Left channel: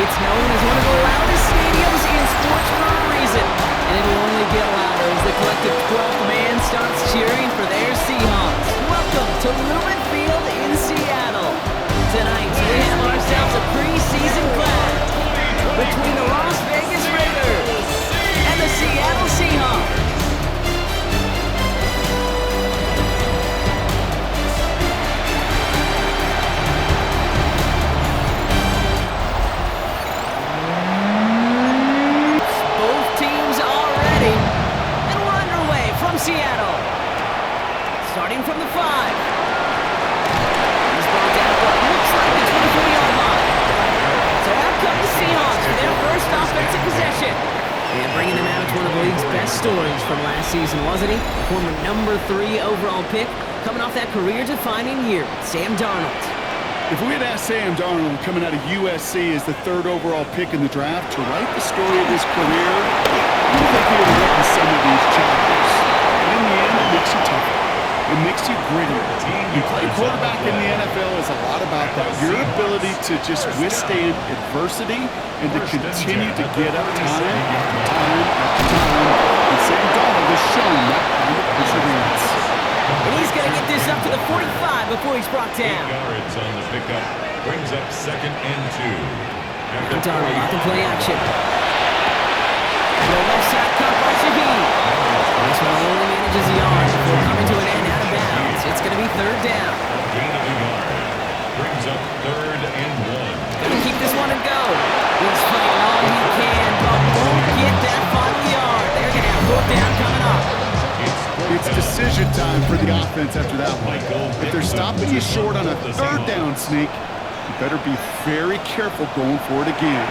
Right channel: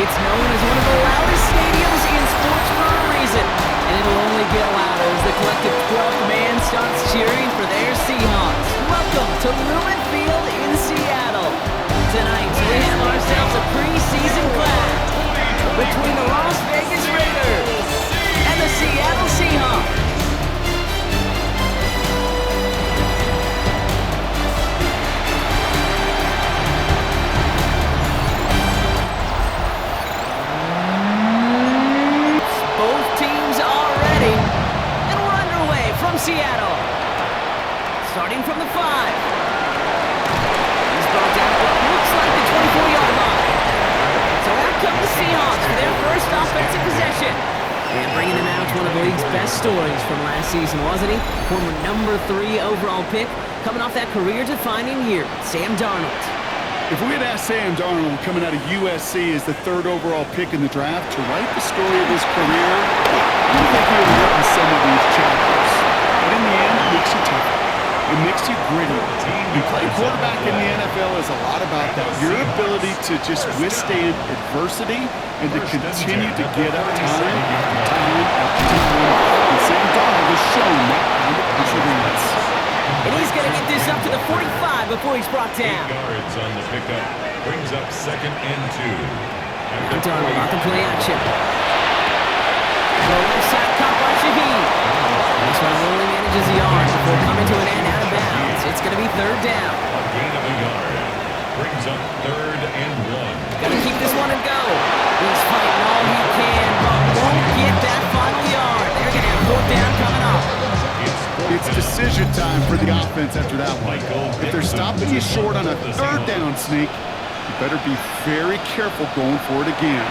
It's known as one of the loudest stadiums in sports for a reason, and it'll only get louder as the collective 12th man starts cheering for their Seahawks. Welcome to Lumen Field in Seattle. Tonight, we have ourselves a preseason clash between the Las Vegas Raiders and the Seattle Seahawks. From Seattle, starting from the 5. He's brought down what looks like the 24-yard line. So out come the Seahawks for their first offensive possession. And bringing him out, one of the league's best stories from last season, wasn't he? Former number 3 overall pick, coming off that career-defining year, Sam Darnold. If we had asked Sam Darnold coming out of USC as the 3rd overall pick in the draft to write the story of his career, I think he would have written some of these chapters. But in the end, it makes you tougher. It makes you grittier. You play quarterback in the NFL is a lot about that. Your ability to just withstand adversity and to continue to get up time after time after time. And Sam Darnold has shown that kind of perseverance. And he's going to get this up to the 45 before he's brought down. 8 yards on the pickup. Brings up 2nd and 2. Now Darnold out to play action. Throw left side caught by Shaheed. This one only manages a yard before coming to an end out of bounds. It's going to be 3rd down. A gain of a yard. Brings up 3rd and 1. Got to keep this one and go. He's fighting all he can, but won't get that final yard. They're going to have 4th down coming up. It's decision time for the offense after that one. If they're stopping you short on a 3rd down, Sneak, you better be very careful going for it again.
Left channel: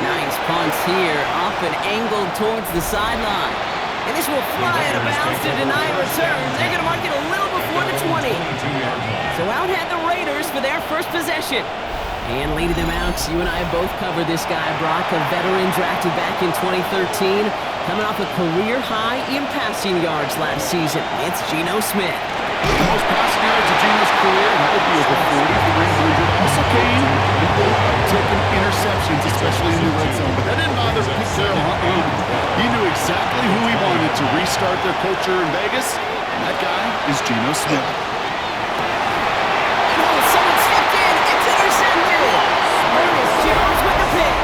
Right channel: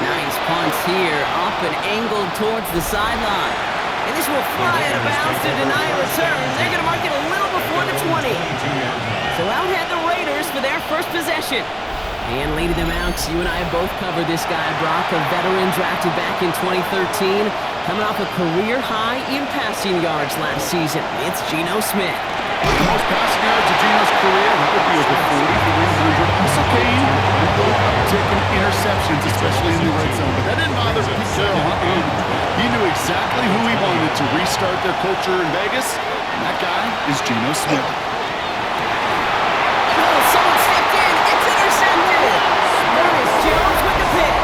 Nice punts here, up and angled towards the sideline. And this will fly out of bounds to deny a return. They're going to mark it a little before the 20. So out had the Raiders for their first possession. And leading them out, you and I have both covered this guy, Brock, a veteran drafted back in 2013, coming off a career high in passing yards last season. It's Geno Smith. The most passing yards of Geno's career, that would be over 4,300. Also came a little uptick in interceptions, especially in the red zone. But that didn't bother Pete Carroll. He knew exactly who he wanted to restart their culture in Vegas, and that guy is Geno Smith. Someone stepped in. It's intercepted. Ernest Jones with the pick.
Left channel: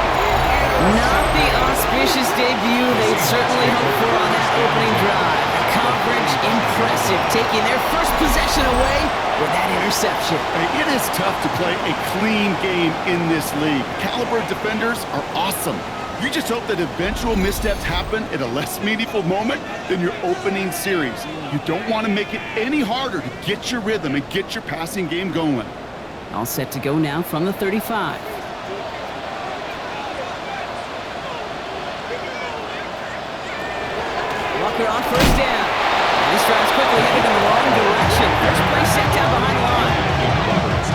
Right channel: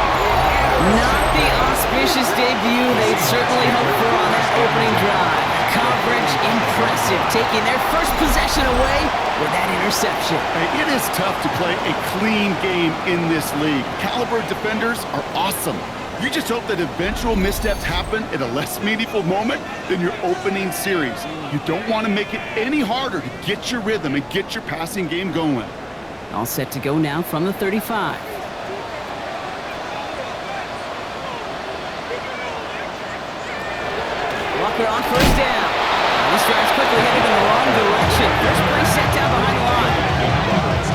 Not the auspicious debut they'd certainly hoped for on that opening drive. The coverage impressive, taking their first possession away with that interception. Hey, it is tough to play a clean game in this league. Caliber defenders are awesome. You just hope that eventual missteps happen at a less meaningful moment than your opening series. You don't want to make it any harder to get your rhythm and get your passing game going. All set to go now from the 35. Walker on 1st down. This drive's quickly headed in the wrong direction. First play set down behind the line.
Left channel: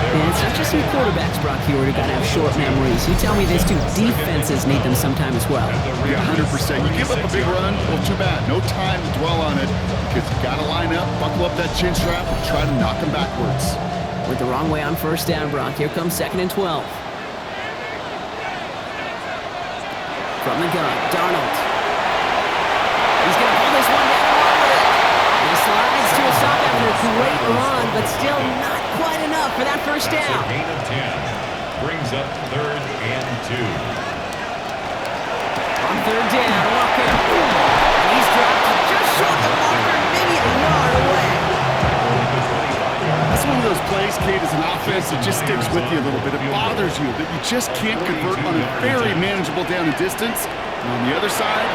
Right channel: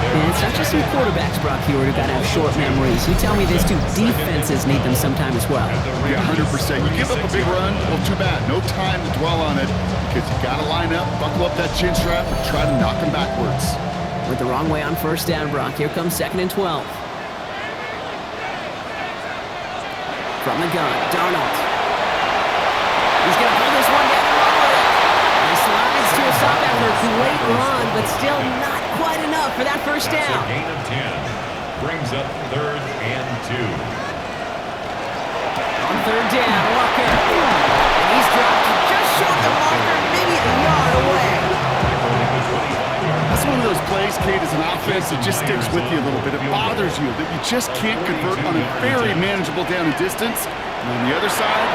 And it's not just some quarterbacks, Brock, here who got to have short memories. You tell me this too, defenses need them sometime as well. Yeah, 100%. You give up a big run, well, too bad. No time to dwell on it because you got to line up, buckle up that chin strap, and try to knock them backwards. With the wrong way on 1st down, Brock. Here comes 2nd and 12. From the gun, Darnold. He's going to pull this one down and run with it. He slides to a stop after a great run, but still not quite enough for that 1st down. A gain of 10. Brings up 3rd and 2. On 3rd down, Walker. And he's dropped just short of the marker, maybe a yard away. That's one of those plays, Kate, as an offense that just sticks with you a little bit. It bothers you that you just can't convert on a very manageable down and distance. And on the other side,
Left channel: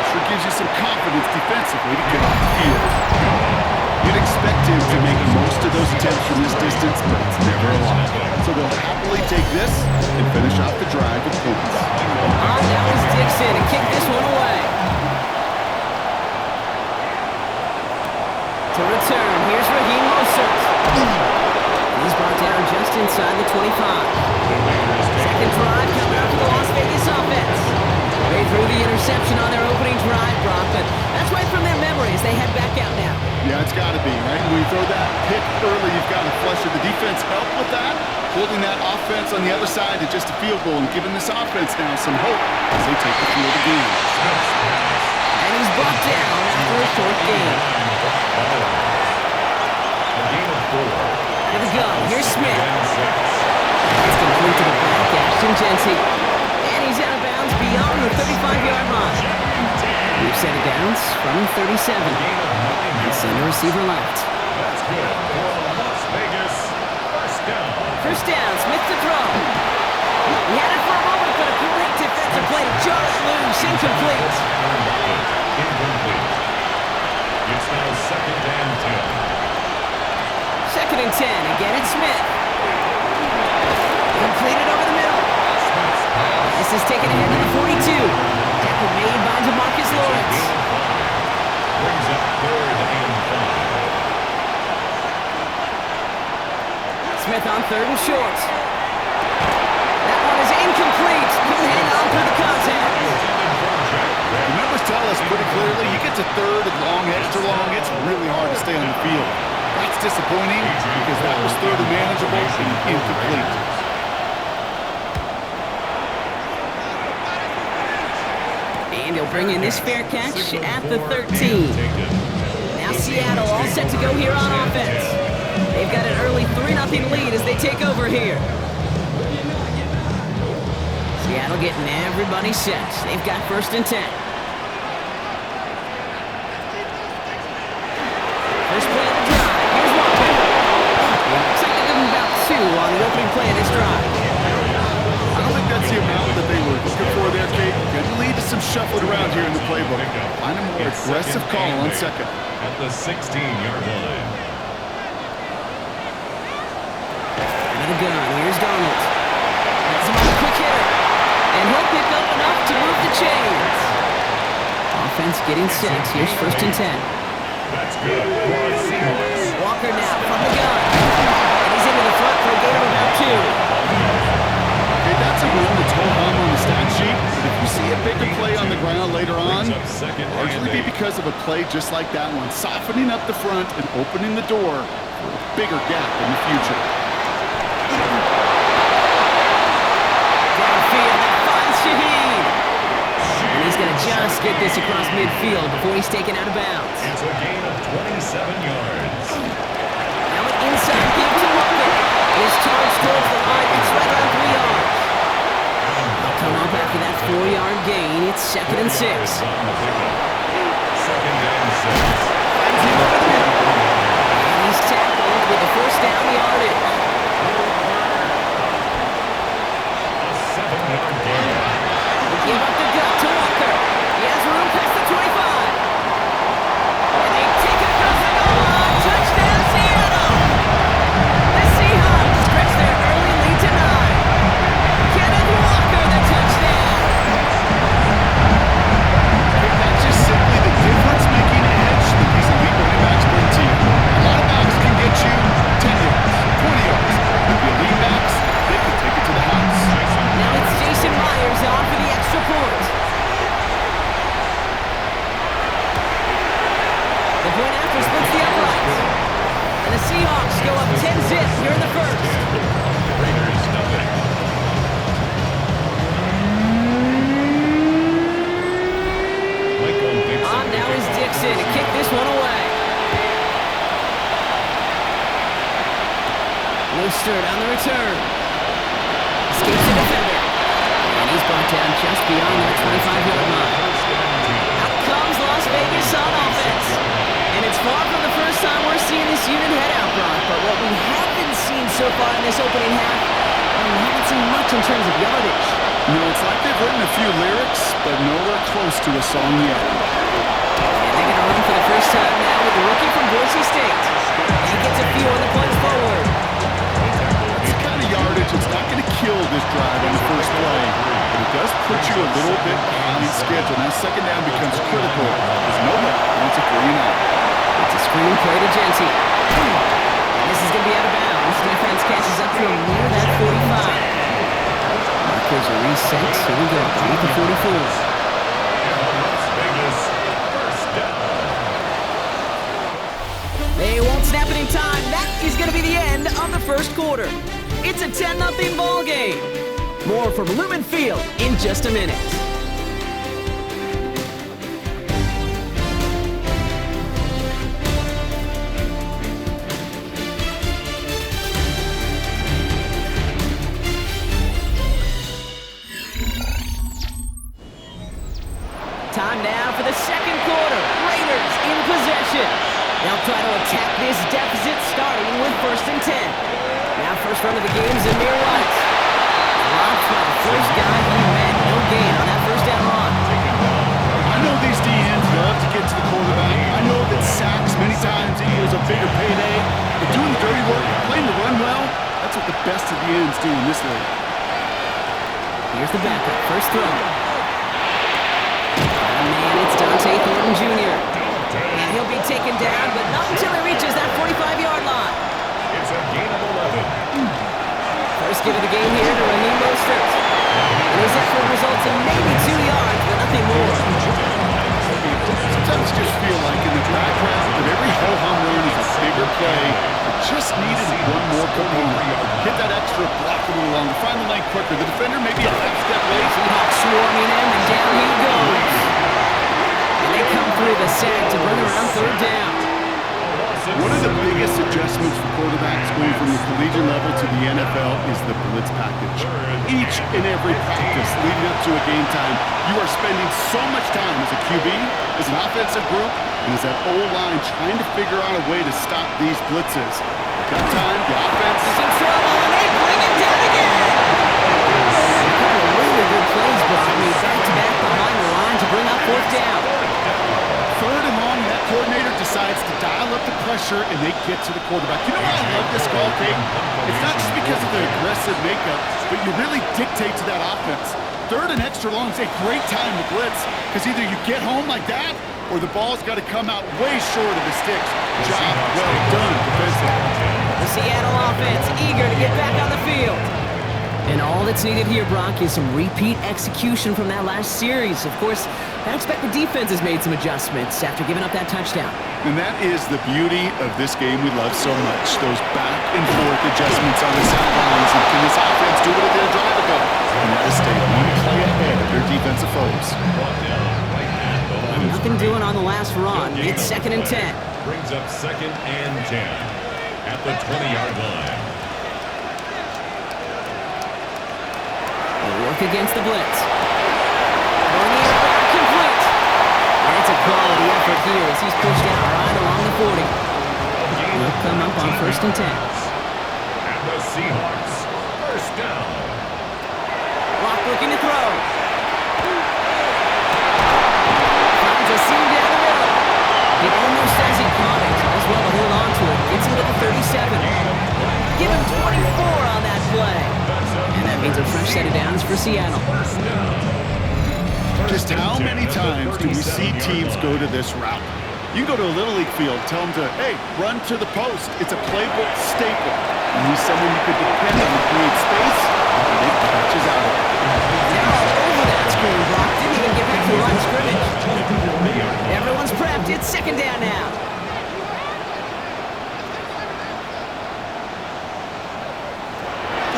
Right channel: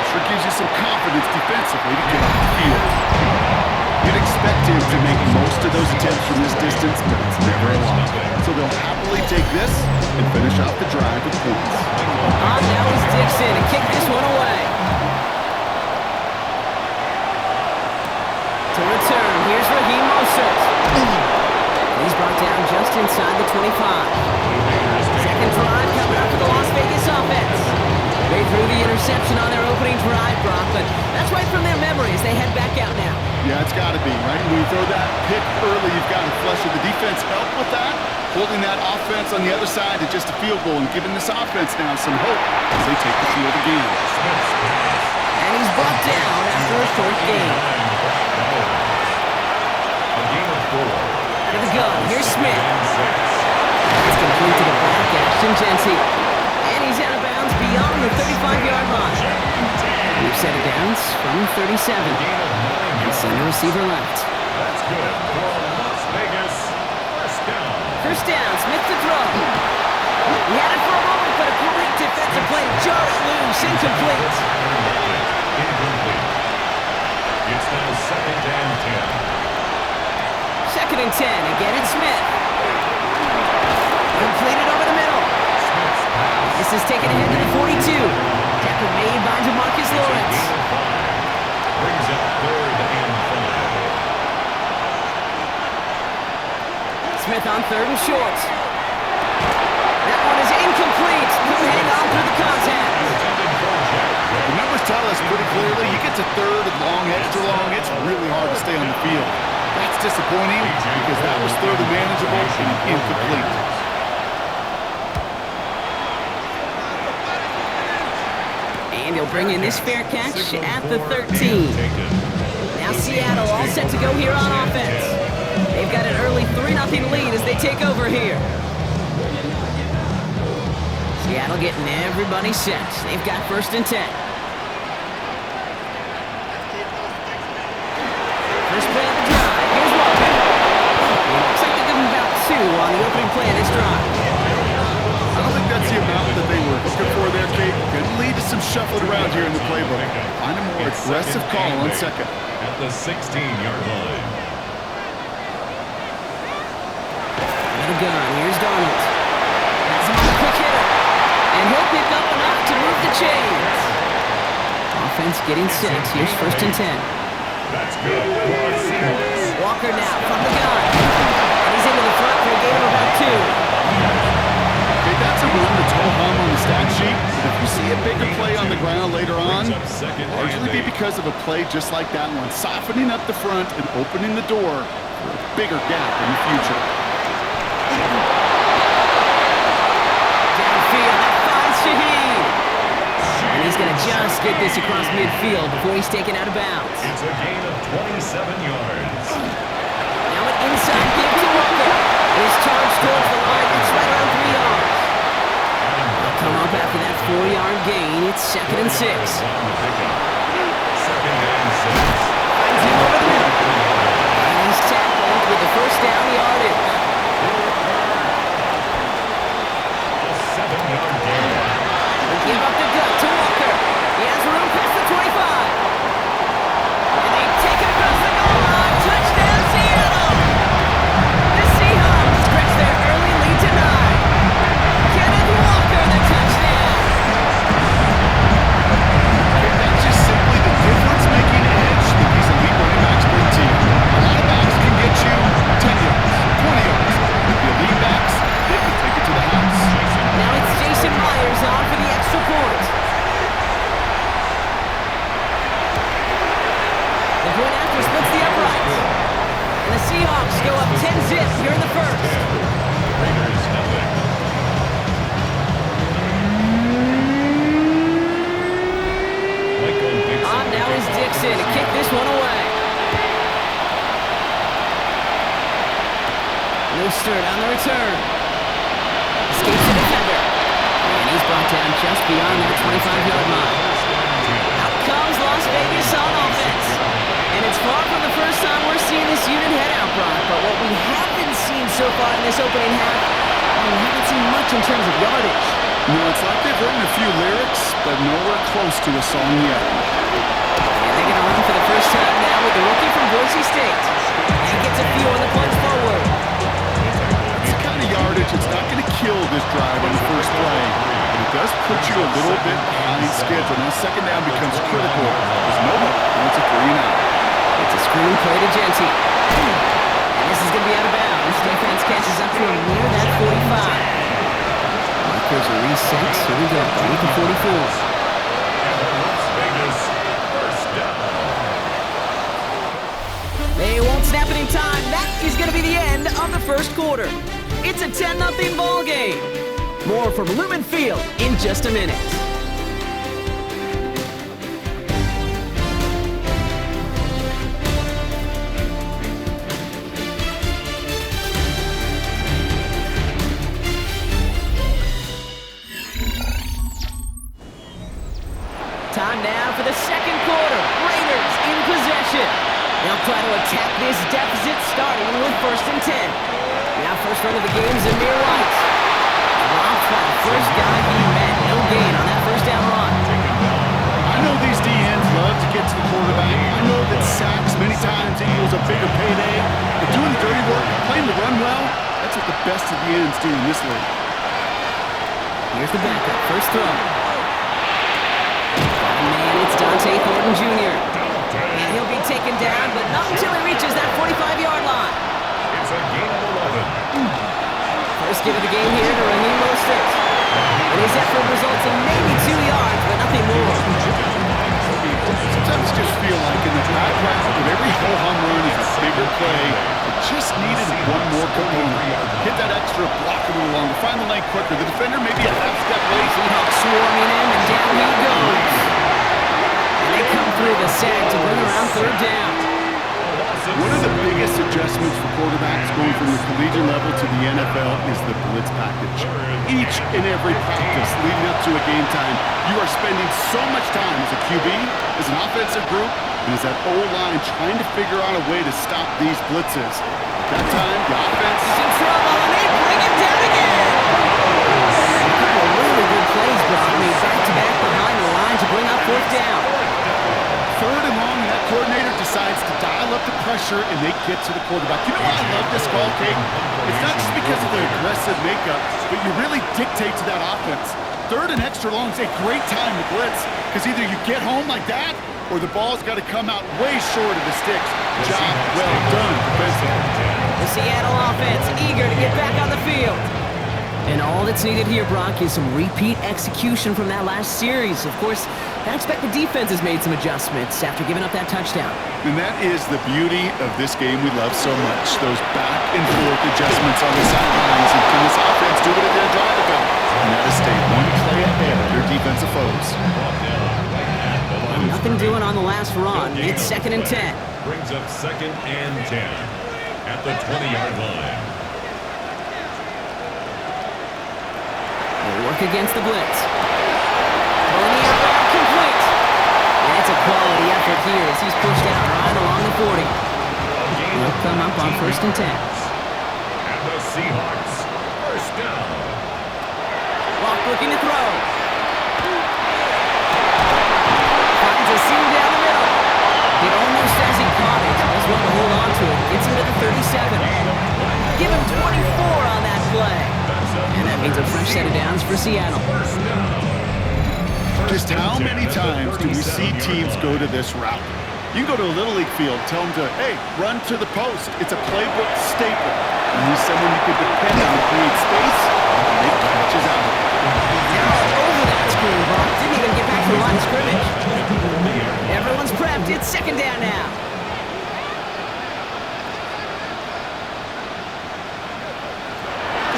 it sure gives you some confidence defensively to get off the field. You'd expect him to make most of those attempts from this distance, but it's never a lot. So they'll happily take this and finish off the drive with points. Now is Dixon and kick this one away. To return, here's Raheem Mostert. He's brought down just inside the 25. Second drive coming up for the Las Vegas offense. They threw the interception on their opening drive, Brock, but that's right from their memory as they head back out now. Yeah, it's got to be, right? When you throw that pick early, you've got to flush it. The defense helped with that, holding that offense on the other side to just a field goal and giving this offense now some hope as they take the field again. And he's brought down after a short gain. A gain of 4. To the gun, here's Smith. It's complete to the back, Ashton Genty. And he's out of bounds beyond the 35-yard line. We've set it downs from 37. And center receiver left. That's good for Las Vegas. First down. First down, Smith to throw. He had it for a moment, but a great defensive play to jar it loose. Incomplete. Incomplete. It's now second and 10. Second and 10. Again, it's Smith. Completed over the middle. This is taken ahead to the 42. Tackle made by DeMarcus Lawrence. Brings up third and 5. Smith on third and short. That one is incomplete. Couldn't hang on through the contact. The numbers tell us pretty clearly, you get to third and long, extra long, it's really hard to stay on the field. That's disappointing because that was third and manageable and incomplete. And he'll bring in this fair catch at the 13. Now Seattle all set to go here on offense. They've got an early 3-0 lead as they take over here. Seattle getting everybody set. They've got first and 10. First play of the drive. Here's Walker. Looks like they're giving about 2 on the opening play of this drive. I don't think that's the amount that they were looking for there, Kate. Could lead to some shuffling around here in the playbook. Find a more aggressive call on second. At the 16-yard line. With a gun, here's Darnold. Has him on a quick hitter. And he'll pick up enough to move the chains. Offense getting set. Here's first and 10. That's good for Seahawks. Walker now from the gun. And he's into the front for a gain of about 2. Okay, that's a run that's ho-hum on the stat sheet, but if you see a bigger play on the ground later on, largely be because of a play just like that one, softening up the front and opening the door for a bigger gap in the future. Downfield, that finds Shaheed. And he's going to just get this across midfield before he's taken out of bounds. It's a gain of 27 yards. Now an inside give to Walker. His charge towards the line. It's right around 3 yards. They'll come up after that 4-yard gain. It's second and 6. Second and 6. Finds him over the middle. And he's tackled with the first down yardage. A 7-yard gain. They give up the gut to Walker. He has room past the 25. And they take it across the goal line. Touchdown, Seattle! The Seahawks stretch their early lead to 9. Kenneth Walker, the touchdown! That's just simply the difference-making edge that these elite running backs bring to you. A lot of backs can get you 10 yards, 20 yards. But the elite backs, they can take it to the house. Now it's Jason Myers on for the extra point. The point after splits the uprights. And the Seahawks go up 10-zip here in the first. Raiders nothing. Michael Dixon. On now is Dixon to kick this one away. Mostert on the return. Escapes the defender. And he's brought down just beyond that 25-yard line. Out comes Las Vegas on offense. And it's far from the first time we're seeing this unit head out, Brock. But what we haven't seen so far in this opening half, we haven't seen much in terms of yardage. You know, it's like they've written a few lyrics, but nowhere close to a song yet. And they're going to run for the first time now with the rookie from Boise State. And he gets a few on the punch forward. That's the kind of yardage that's not going to kill this drive on the first play, but it does put you a little bit behind schedule. Now second down becomes critical because nobody wants a 3-and-out. It's a screen play to Genty. And this is going to be out of bounds. Defense catches up to him near that 45. Markers are reset. Here we go. Underneath the 44. time, that is going to be the end of the first quarter. It's a 10-0 ball game. More from Lumen Field in just a minute. Time now for the second quarter. Raiders in possession. They'll try to attack this deficit starting with 1st and 10. Now first run of the game is Amir White. Dropped by the first guy he met. No gain on that first down run. I know these DNs love to get to the quarterback. I know that sacks many times equals a bigger payday. But doing the dirty work, playing the run well, that's what the best of the ends do in this league. Here's the backup. First throw. Man, it's Dante Thornton Jr. And he'll be taken down, but not until he reaches that 45-yard line. It's a gain of 11. First give of the game here to Raheem Mostert. And his effort results in maybe 2 yards, but nothing more. Sometimes just feel like in the background of every ho-hum run is a bigger play. It just needed one more component. Hit that extra block a little longer. Find the lane quicker. The defender maybe a half step late. Seahawks swarming him, and down he goes. And they come through the sack to bring around 3rd down. One of the biggest adjustments for quarterbacks going from the collegiate level to the NFL is the blitz package. Each and every practice leading up to a game time, you are spending so much time as a QB, as an offensive group, and as that O-line trying to figure out a way to stop these blitzes. At that time, the offense is in trouble, and they bring him down again. A couple of really good plays brought me back-to-back behind the line to bring up 4th down. 3rd and long, that coordinator decides to dial up the pressure, and they get to the quarterback. You know why I love this call, Kate? It's not just because of the aggressive makeup, but you really dictate to that offense. 3rd and extra long is a great time to blitz, because either you get home like that, or the ball's got to come out way short of the sticks. Job well done defensively. The Seattle offense eager to get back on the field. And all that's needed here, Brock, is some repeat execution from that last series. Of course, I expect the defense has made some adjustments after giving up that touchdown. And that is the beauty of this game we love so much. Those back and forth adjustments on the sidelines. And can this offense do what it did a drive ago? And that is stay one play ahead of their defensive foes. Nothing doing on the last run. It's 2nd and 10. Brings up 2nd and 10 at the 20-yard line. They work against the blitz. Throwing the air complete. And it's a quality effort here as he's pushed out right along the 40. They'll come up on 1st and 10. And the Seahawks, 1st down. Rock looking to throw. Finds a seam down the middle. It almost as he caught it. Does well to hold on to it. Gets him to the 37. Give him 24 on that play. And that means a fresh set of downs for Seattle. Just how many times do we see teams go to this route? You can go to a Little League field, tell them to, hey, run to the post. It's a playbook staple. You need someone you could depend on to create space, and make catches out of it. They're all over that screen, Brock. Didn't even get back to the line of scrimmage. Everyone's prepped. It's 2nd down now.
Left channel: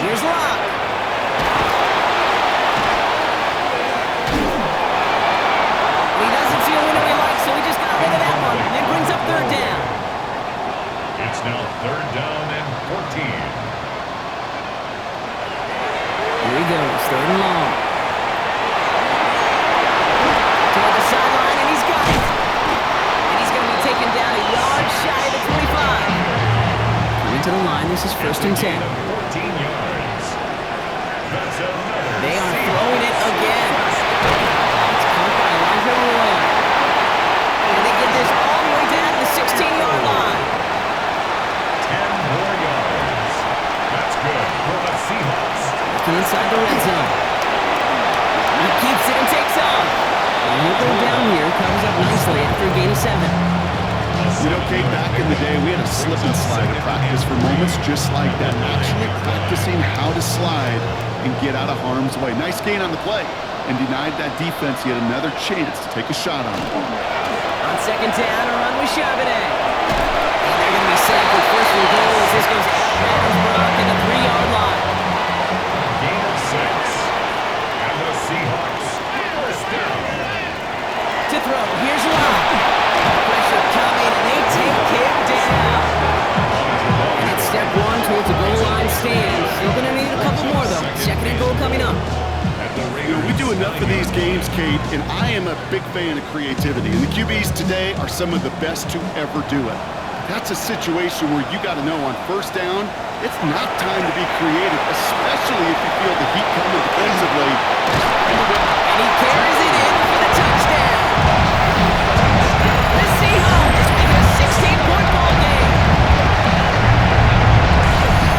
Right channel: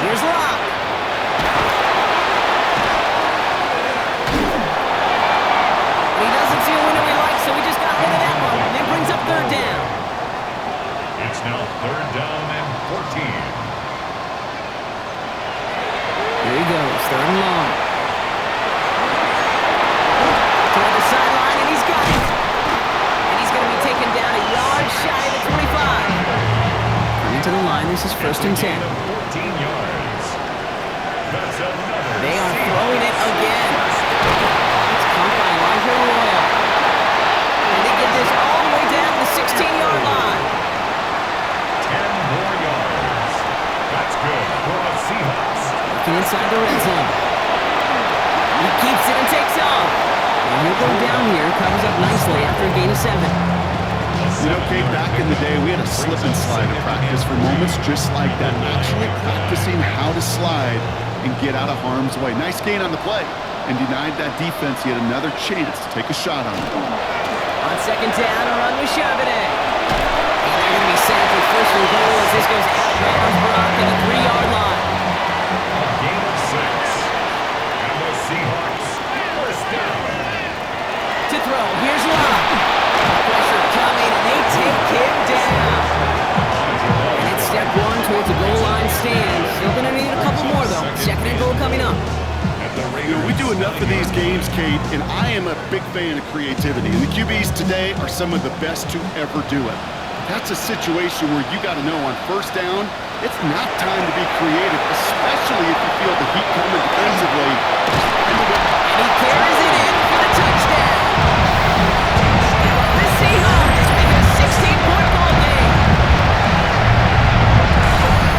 Here's Rock. He doesn't see a window he likes, so he just got rid of that one. And it brings up 3rd down. It's now 3rd down and 14. Here he goes, 3rd and long. Toward the sideline, and he's got it. And he's going to be taken down a yard shy of the 25. Coming to the line, this is 1st and 10. 14 yards. That's another. They are throwing it again. It's caught by Elijah Arroyo. And they get this all the way down to the 16-yard line. 10 more yards. That's good for the Seahawks. Looking inside the red zone. He keeps it and takes off. And he'll go down here, covers up nicely after a gain of 7. You know, Kate, back in the day, we had a slip and slide in practice for moments just like that. Actually practicing how to slide and get out of harm's way. Nice gain on the play, and denied that defense yet another chance to take a shot on it. On 2nd down, a run with Charbonnet. And they're They're going to be sampled first and goal as this goes out of bounds, Brock, at the 3-yard line. A gain of 6. And the Seahawks first down. To throw, here's Locke. Pressure coming, and they take him down. And it's step 1 towards the goal line stand. Still going to need a couple more, though. Second and goal coming up. You know, we do enough of these games, Kate, and I am a big fan of creativity. And the QBs today are some of the best to ever do it. That's a situation where you got to know on first down, it's not time to be creative, especially if you feel the heat coming defensively. And he carries it in for the touchdown. The Seahawks make it a 16-point ball game.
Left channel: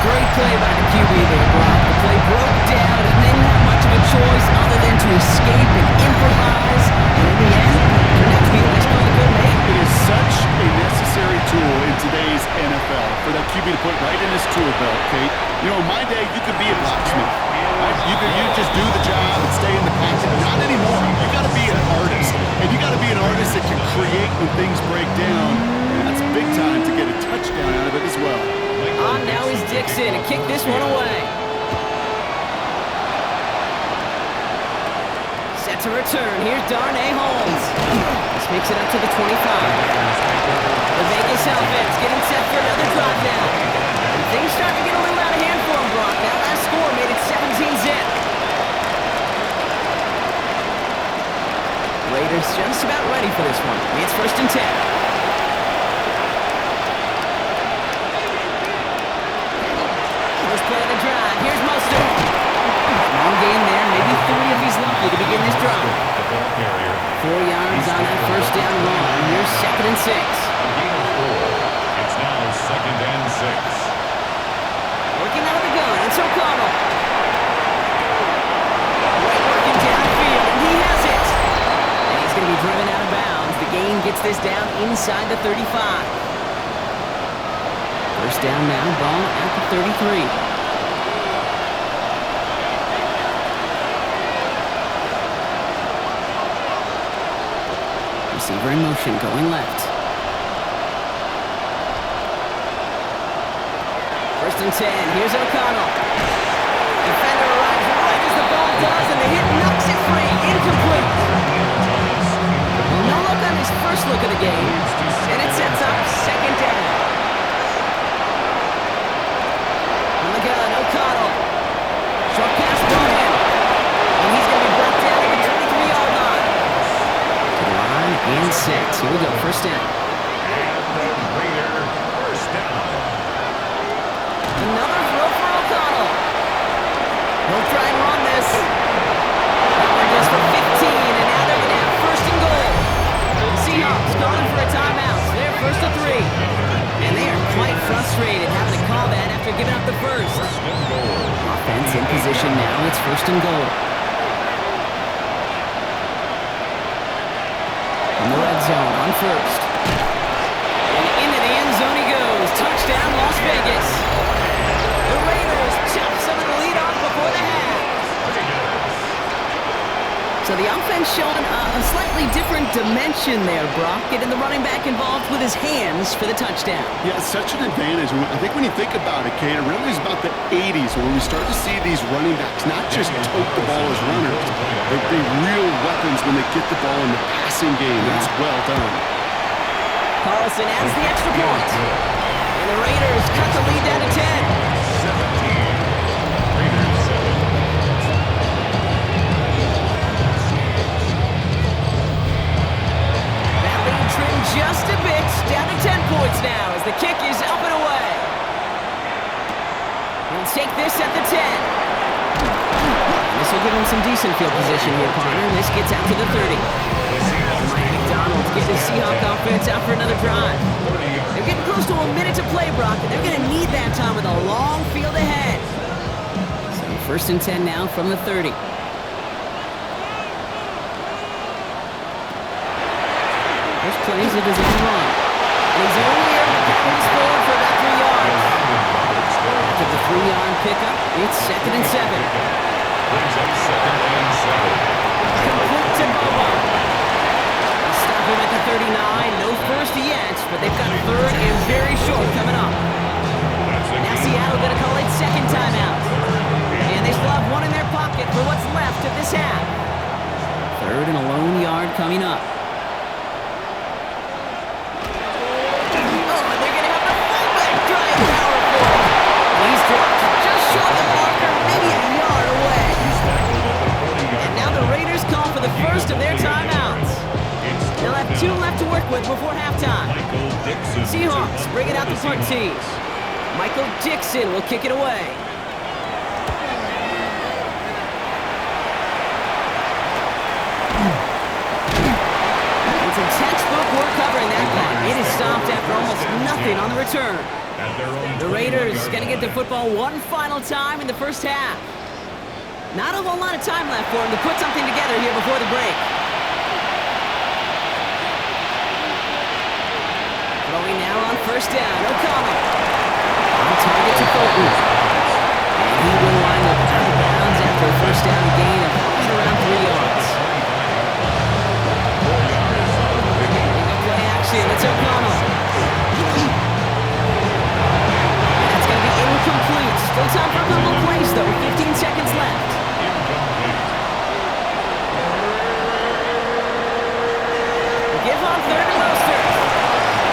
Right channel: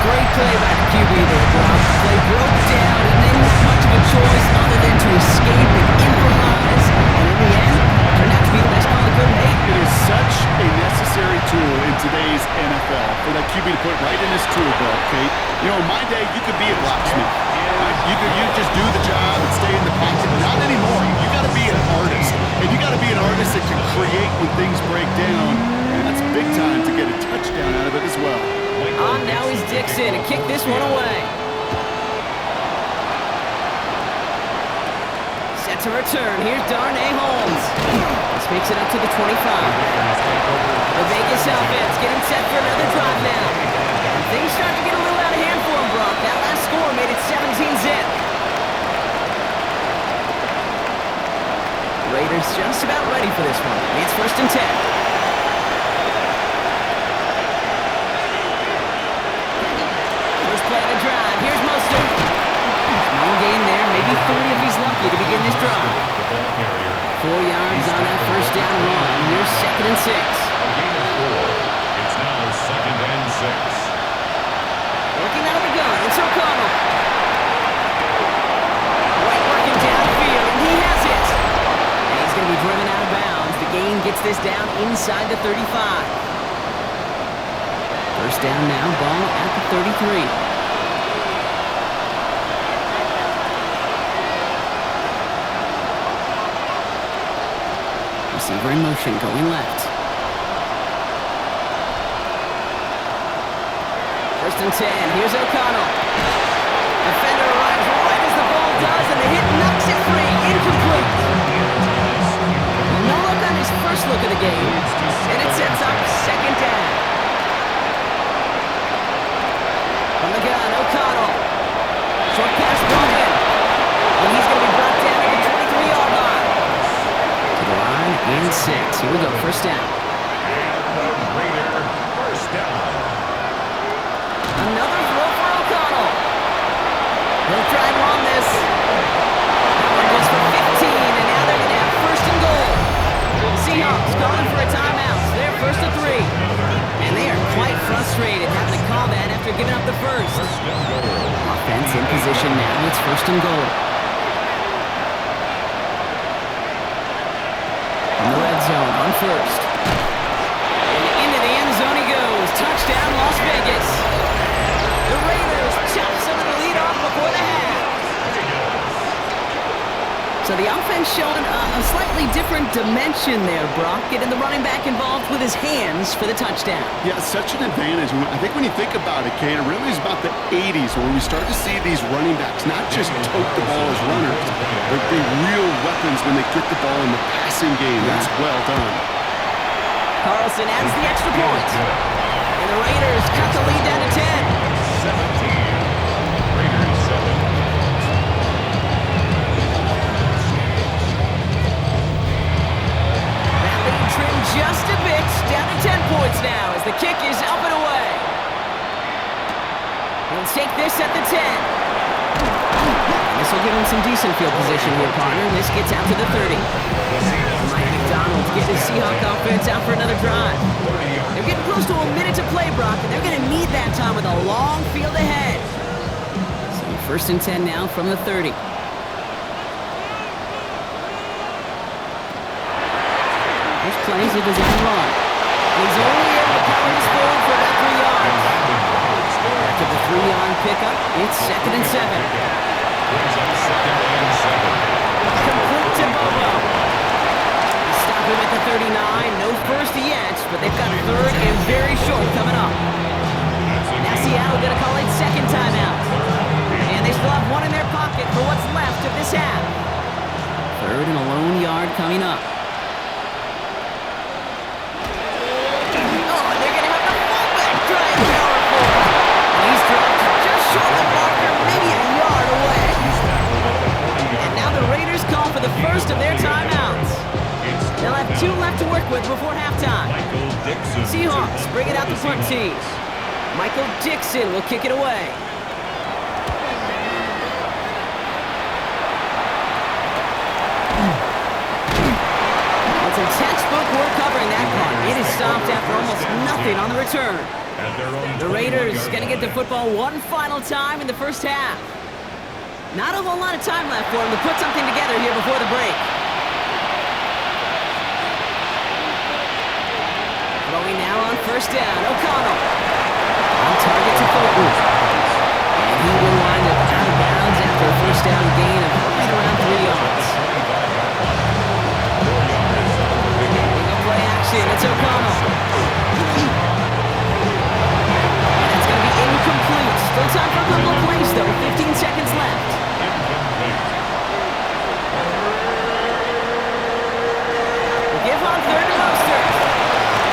Great play by the QB there, Brock. The play broke down. He didn't have much of a choice other than to escape and improvise. And in the end, turned out to be the best call he could make. It is such a necessary tool in today's NFL for that QB to put right in his tool belt, Kate. You know, in my day, you could be a blacksmith. Right? You just do the job and stay in the pocket. Not anymore. You got to be an artist. And you got to be an artist that can create when things break down. And that's big time to get a touchdown out of it as well. On now is Dixon to kick this one away. Set to return. Here's Darnay Holmes. This makes it up to the 25. The Vegas offense getting set for another drive now. And things start to get a little out of hand for him, Brock. That last score made it 17-zip. Raiders just about ready for this one. It's first and 10. Play the drive. Here's Mostert. Small gain there, maybe 3 if he's lucky to begin this drive. 4 yards on that first down run. Here's second and 6. A gain of 4. It's now second and 6. Working out of the gun. It's O'Connell. White working downfield, and he has it. And he's going to be driven out of bounds. The gain gets this down inside the 35. First down now, ball at the 33. Receiver in motion, going left. First and 10, here's O'Connell. Defender arrives right as the ball does, and the hit knocks it free, incomplete. Well, no look on his first look of the game, and it sets up second down. From the gun, O'Connell. Short pass brought in. And he's going to be brought down at the 23-yard line. To the line and 6. Here we go, first down. And the Raider first down. Another throw for O'Connell. He'll try and run this. That one goes for 15, and now they're going to have first and goal. The Seahawks calling for a timeout. They're first to 3. And they are quite frustrated having to call that after giving up the first. Offense in position now. It's first and goal. From the red zone on first. And into the end zone he goes. Touchdown, Las Vegas. The Raiders chop some of the lead off before the half. So the offense showing a slightly different dimension there, Brock, getting the running back involved with his hands for the touchdown. Yeah, it's such an advantage. I think when you think about it, Kate, it really is about the 80s when we start to see these running backs not just tote the ball as runners, but be real weapons when they get the ball in the passing game. That's well done. Carlson adds the extra point. And the Raiders cut the lead down to 10. 17. Raiders 7. Trimmed just a bit, down to 10 points now as the kick is up and away. He'll take this at the 10. And this will give him some decent field position here, partner. This gets out to the 30. Mike McDonald getting his Seahawk offense out for another drive. They're getting close to a minute to play, Brock, and they're going to need that time with a long field ahead. So first and 10 now from the 30. This plays a design run. And he's only able to carry this forward for about 3 yards. After the 3-yard pickup, it's second and 7. Brings up second and 7. Complete to Bobo. He stops stop him at the 39. No first yet, but they've got third and very short coming up. Now Seattle going to call it second timeout. And they still have one in their pocket for what's left of this half. Third and a lone yard coming up. Oh, and they're going to have the fullback drive power for him. And he's dropped just short of the marker, maybe a yard away. And now the Raiders call for the first of their timeouts. They'll have 2 left to work with before halftime. Seahawks bring it out the punt team. Michael Dixon will kick it away. It's some textbook work covering that punt. It is stopped after almost nothing on the return. The Raiders going to get the football one final time in the first half. Not a whole lot of time left for them to put something together here before the break. Throwing now on first down, O'Connell. On target to Fulton. And he will wind up out of bounds after a first down gain of right around 3 yards. Big up play action, it's O'Connell. And that's going to be incomplete. Still time for a couple of plays though, 15 seconds left. Give on third and Mostert.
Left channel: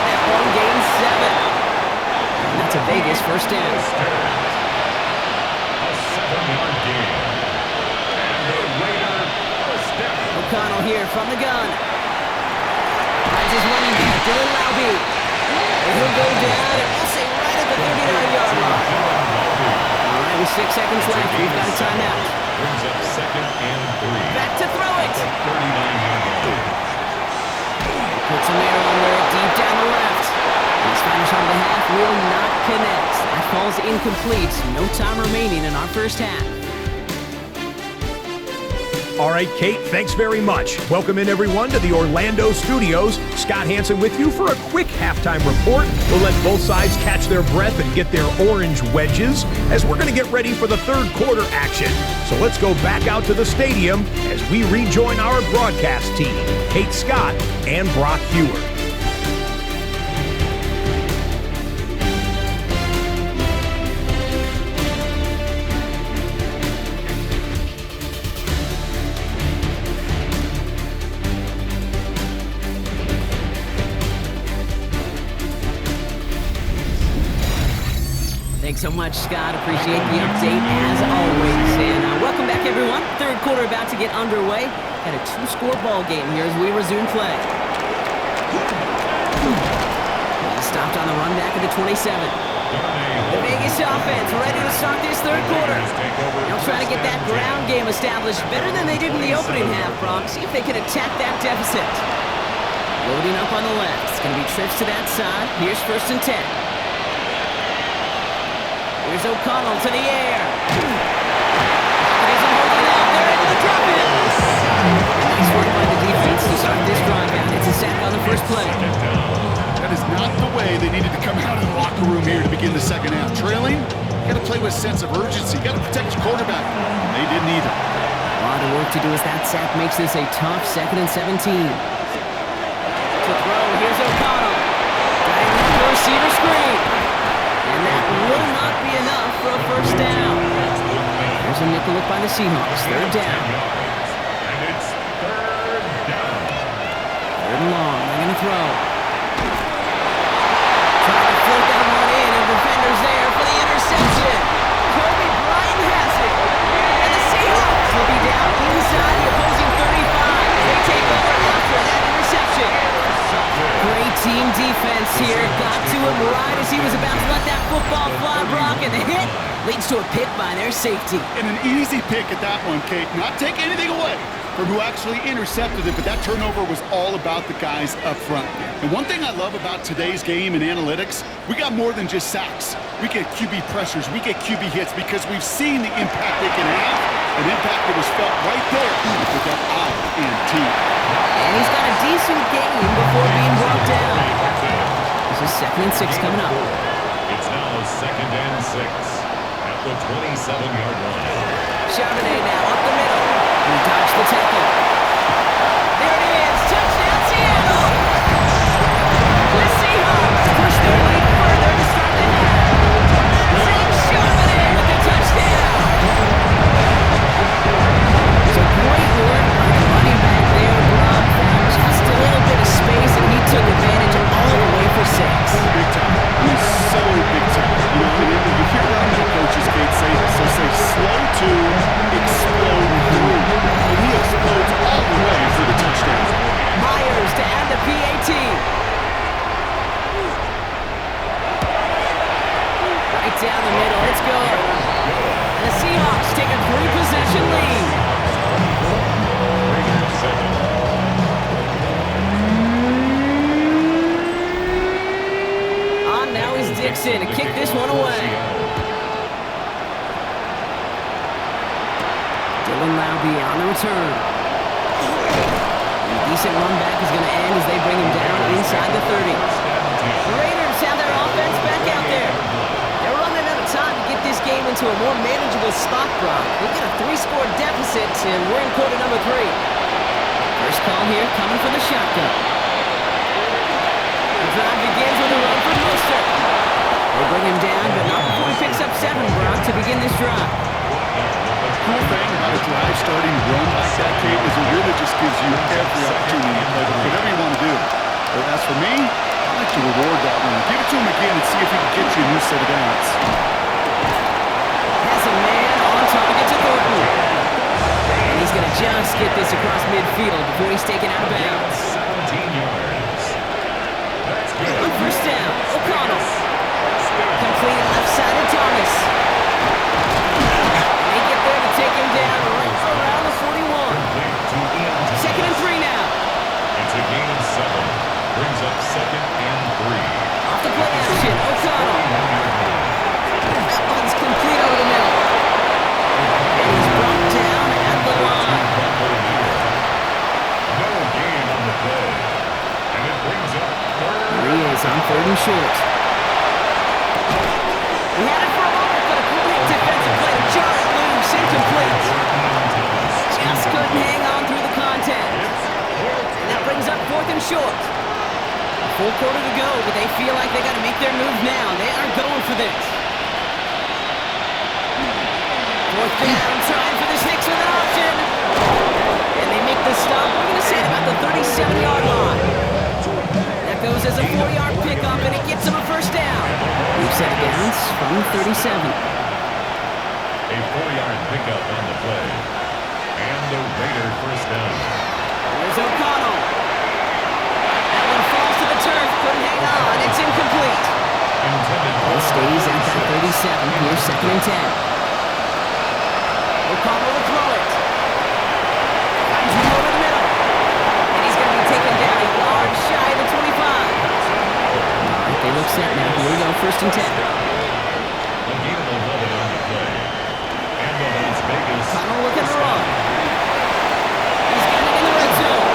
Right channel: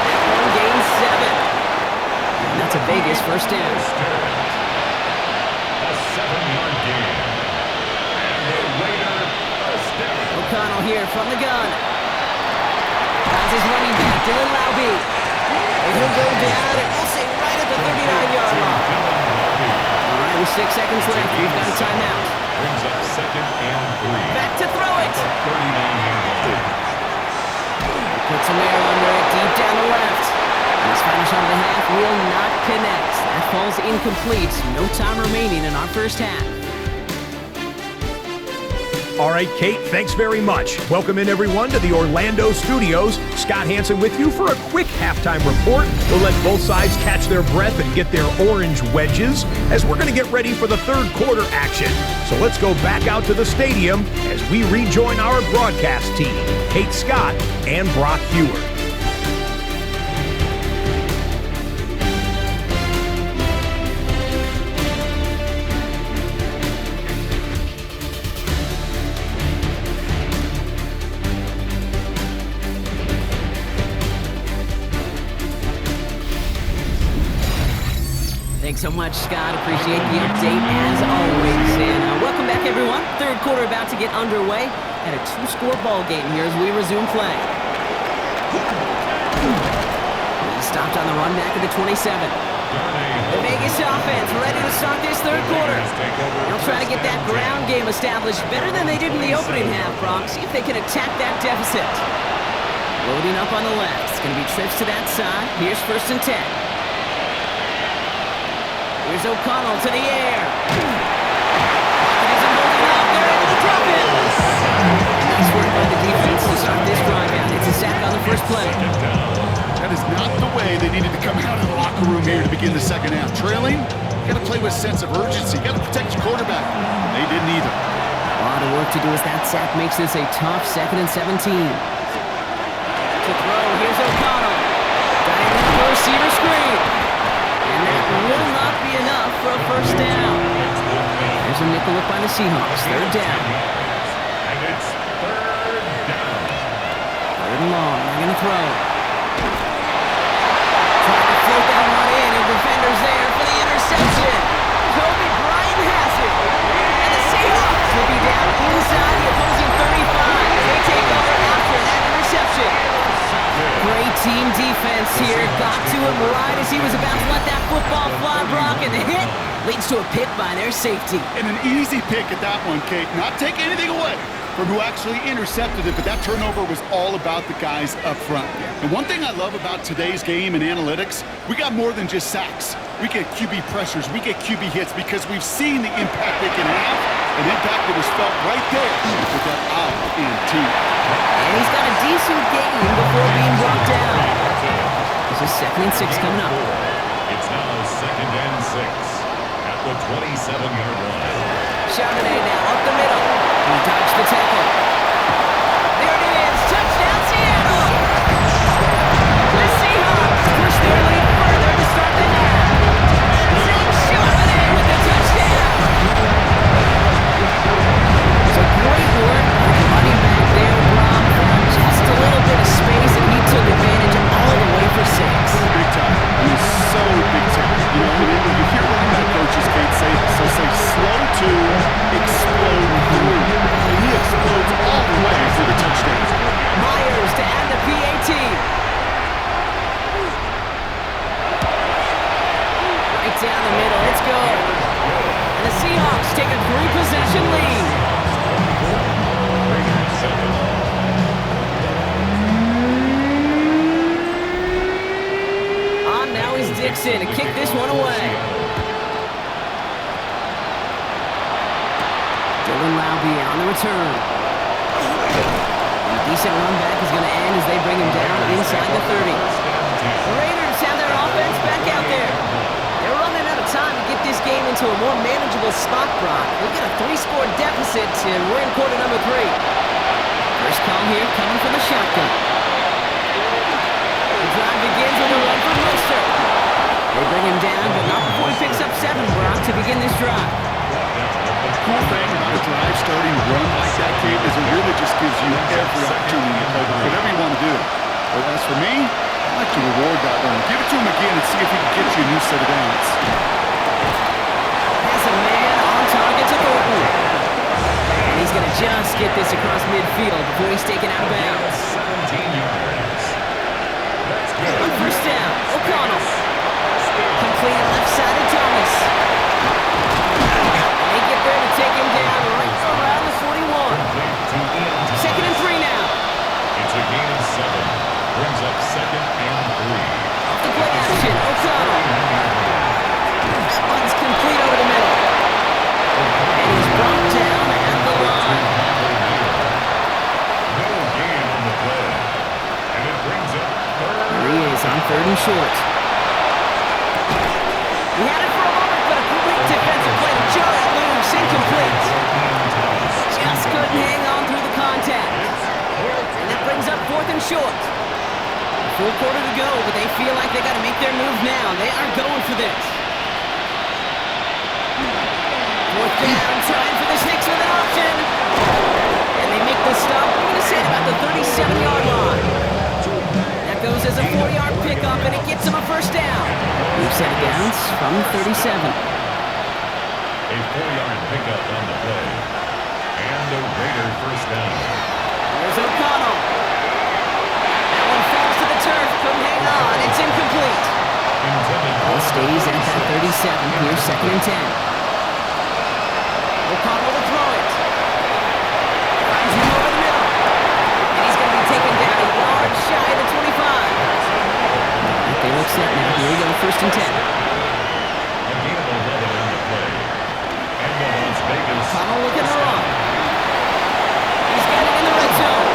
That one gains 7. And that's a Vegas first down. A 7-yard gain. And the Raider first down. O'Connell here from the gun. Finds his running back, Dylan Laube. And he'll go down, and we'll say right at the 39-yard line. All right, with 6 seconds left, we've got a timeout. Brings up second and 3. Back to throw it. 39-yard line. Puts some air under it, deep down the left. His final shot of the half will not connect. That falls incomplete. No time remaining in our first half. All right, Kate, thanks very much. Welcome in, everyone, to the Orlando studios. Scott Hansen with you for a quick halftime report. We'll let both sides catch their breath and get their orange wedges as we're going to get ready for the third quarter action. So let's go back out to the stadium as we rejoin our broadcast team, Kate Scott and Brock Hewer. Thanks so much, Scott. Appreciate the update as always. And welcome back, everyone. Third quarter about to get underway. Got a 2-score ball game here as we resume play. He stopped on the run back at the 27. The Vegas offense ready to start this third quarter. They'll try to get that ground game established better than they did in the opening half, Brock. See if they can attack that deficit. Loading up on the left. It's going to be trips to that side. Here's first and 10. Here's O'Connell to the air. Pocket isn't holding up. They're able to drop it. Nice work by the defense to start this drive out. It's a sack on the first play. That is not the way they needed to come out of the locker room here to begin the second half. Trailing, you got to play with a sense of urgency. You got to protect your quarterback. They didn't either. A lot of work to do as that sack makes this a tough 2nd and 17. To throw, here's O'Connell. Got him up for a receiver screen. And that will not be enough for a first down. There's a nickel look by the Seahawks. Third down. And it's third down. Third and long. They're going to throw. Trying to float that one in, and defenders there for the interception. Kobe Bryant has it. And the Seahawks will be down inside the opposing 35 as they take over after that interception. Great team defense here. Got to him right as he was about to let that football fly, Brock, and the hit leads to a pick by their safety. And an easy pick at that one, Kate. Not taking anything away from who actually intercepted it, but that turnover was all about the guys up front. And one thing I love about today's game and analytics, we got more than just sacks. We get QB pressures, we get QB hits because we've seen the impact they can have, an impact that was felt right there with that INT. And he's got a decent gain before being brought down. This is 2nd and 6 coming up. It's now 2nd and 6 at the 27-yard line. Charbonnet now up the middle. He dodged the tackle. There it is. Touchdown, Seattle. say slow to explode through. And he explodes all the way for the touchdown. Myers to add the PAT. Right down the middle, it's good. And the Seahawks take a 3-possession lead. Raiders 7. Now is Dixon to kick this one away. Dylan Laube on the return. And a decent run back is going to end as they bring him down inside the 30. The Raiders have their offense back out there. They're running out of time to get this game into a more manageable spot, Brock. They've got a 3-score deficit, and we're in quarter number 3. First call here coming from the shotgun. The drive begins with a run for Mostert. They bring him down, but not before he picks up 7, Brock, to begin this drive. The cool thing about a drive starting run like that, Kate, is it really just gives you every opportunity to play whatever you want to do. But as for me, I like to reward that run. Give it to him again and see if he can get you a new set of downs. Has a man on target to Thornton. And he's going to just get this across midfield before he's taken out of bounds. 17 yards. On first down, O'Connell. Completed left side of Thomas. And they get there to take him down right around the 41. Second and 3 now. It's a gain of 7. Brings up 2nd and 3. Off the play action, O'Connell. That one's complete over the middle. And he's brought down at the line. No gain on the play. And it brings up 3rd. Here he is on 3rd and short. He had it for a moment, but a great defensive play to jar it loose, incomplete. Just couldn't hang on through the contact. And that brings up 4th and short. Full quarter to go, but they feel like they got to make their move now. They are going for this. 4th down, trying for the Sticks with an option. And they make the stop. We're going to say at about the 37-yard line. That goes as a 4-yard pickup, and it gets them a first down. We've set it downs from 37. A 4-yard pickup on the play. And the Raiders first down. Here's O'Connell. That one falls to the turf. Couldn't hang on. It's incomplete. Ball stays at that 37. Here's 2nd and 10. O'Connell to throw it. Finds him over the middle. And he's going to be taken down a yard shy of the 25. All right, they look set now. Here we go, 1st and 10. A gain of 11 on the play. And the Las Vegas. O'Connell looking to run. He's got it in the red zone.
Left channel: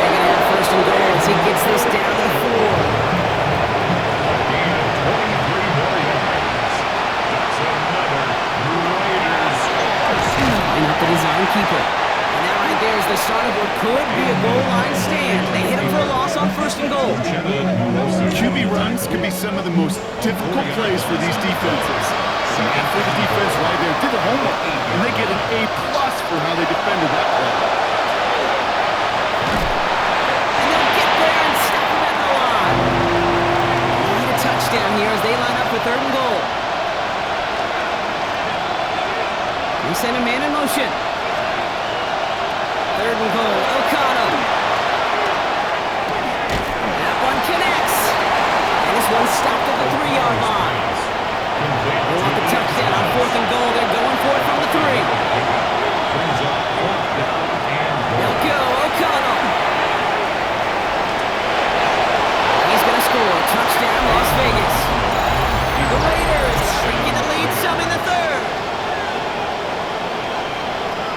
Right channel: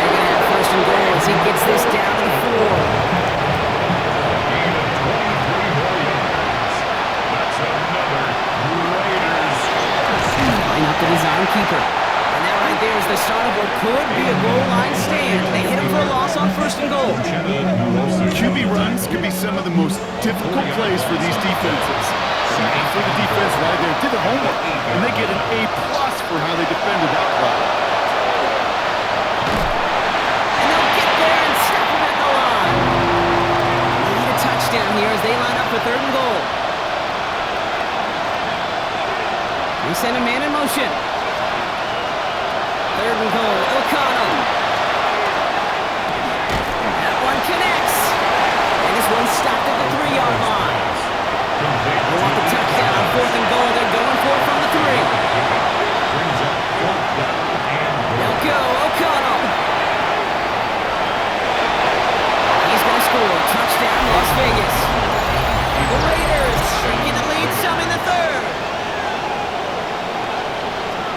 They're going to have 1st and goal as he gets this down to the 4. A gain of 23 more yards. That's another Raiders. Line up the design keeper. And that right there is the start of what could be a goal line stand. They hit him for a loss on 1st and goal. QB runs can be some of the most difficult plays for these defenses. And after the defense right there did the homework, and they get an A+ for how they defended that play. And they'll get there and stop him at the line. They need a touchdown here as they line up for 3rd and goal. They send a man in motion. 3rd and goal, O'Connell. That one connects. And this one stopped at the 3-yard line. They want the touchdown on 4th and goal. They're going for it from the 3. Brings up 4th down and They'll go, O'Connell. He's going to score. Touchdown, Las Vegas. The Raiders shrinking the lead some in the 3rd.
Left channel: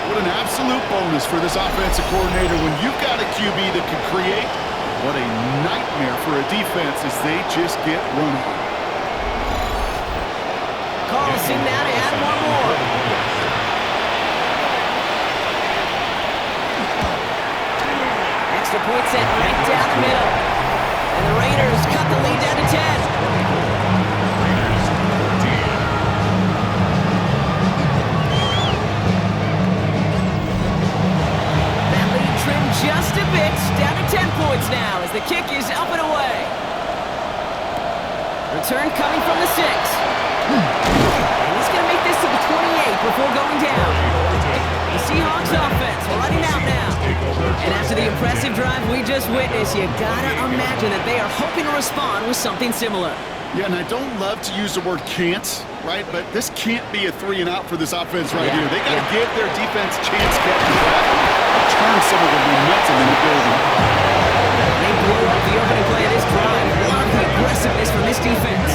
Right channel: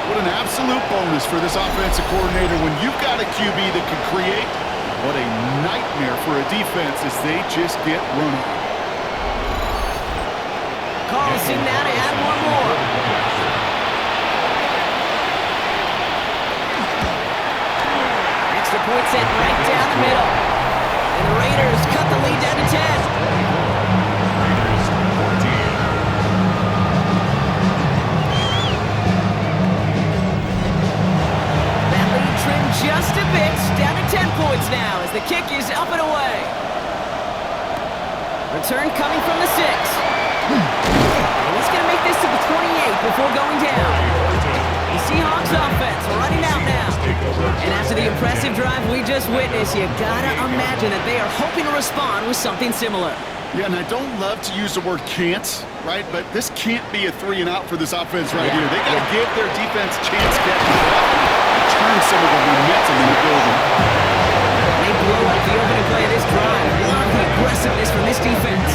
What an absolute bonus for this offensive coordinator when you've got a QB that can create. What a nightmare for a defense as they just get run on. Carlson now to add one more. Extra point set right down the middle. And the Raiders cut the lead down to 10. Raiders 14. That lead trimmed just a bit, down to 10 points now as the kick is up and away. Return coming from the 6. And he's going to make this to the before going down. The Seahawks offense running out now. And after the impressive drive we just witnessed, you gotta imagine that they are hoping to respond with something similar. Yeah, and I don't love to use the word can't, right? But this can't be a 3-and-out for this offense right here. They got to give their defense a chance to catch the breath and turn some of the momentum in the building. They blow up the opening play of this drive. Love the aggressiveness from this defense.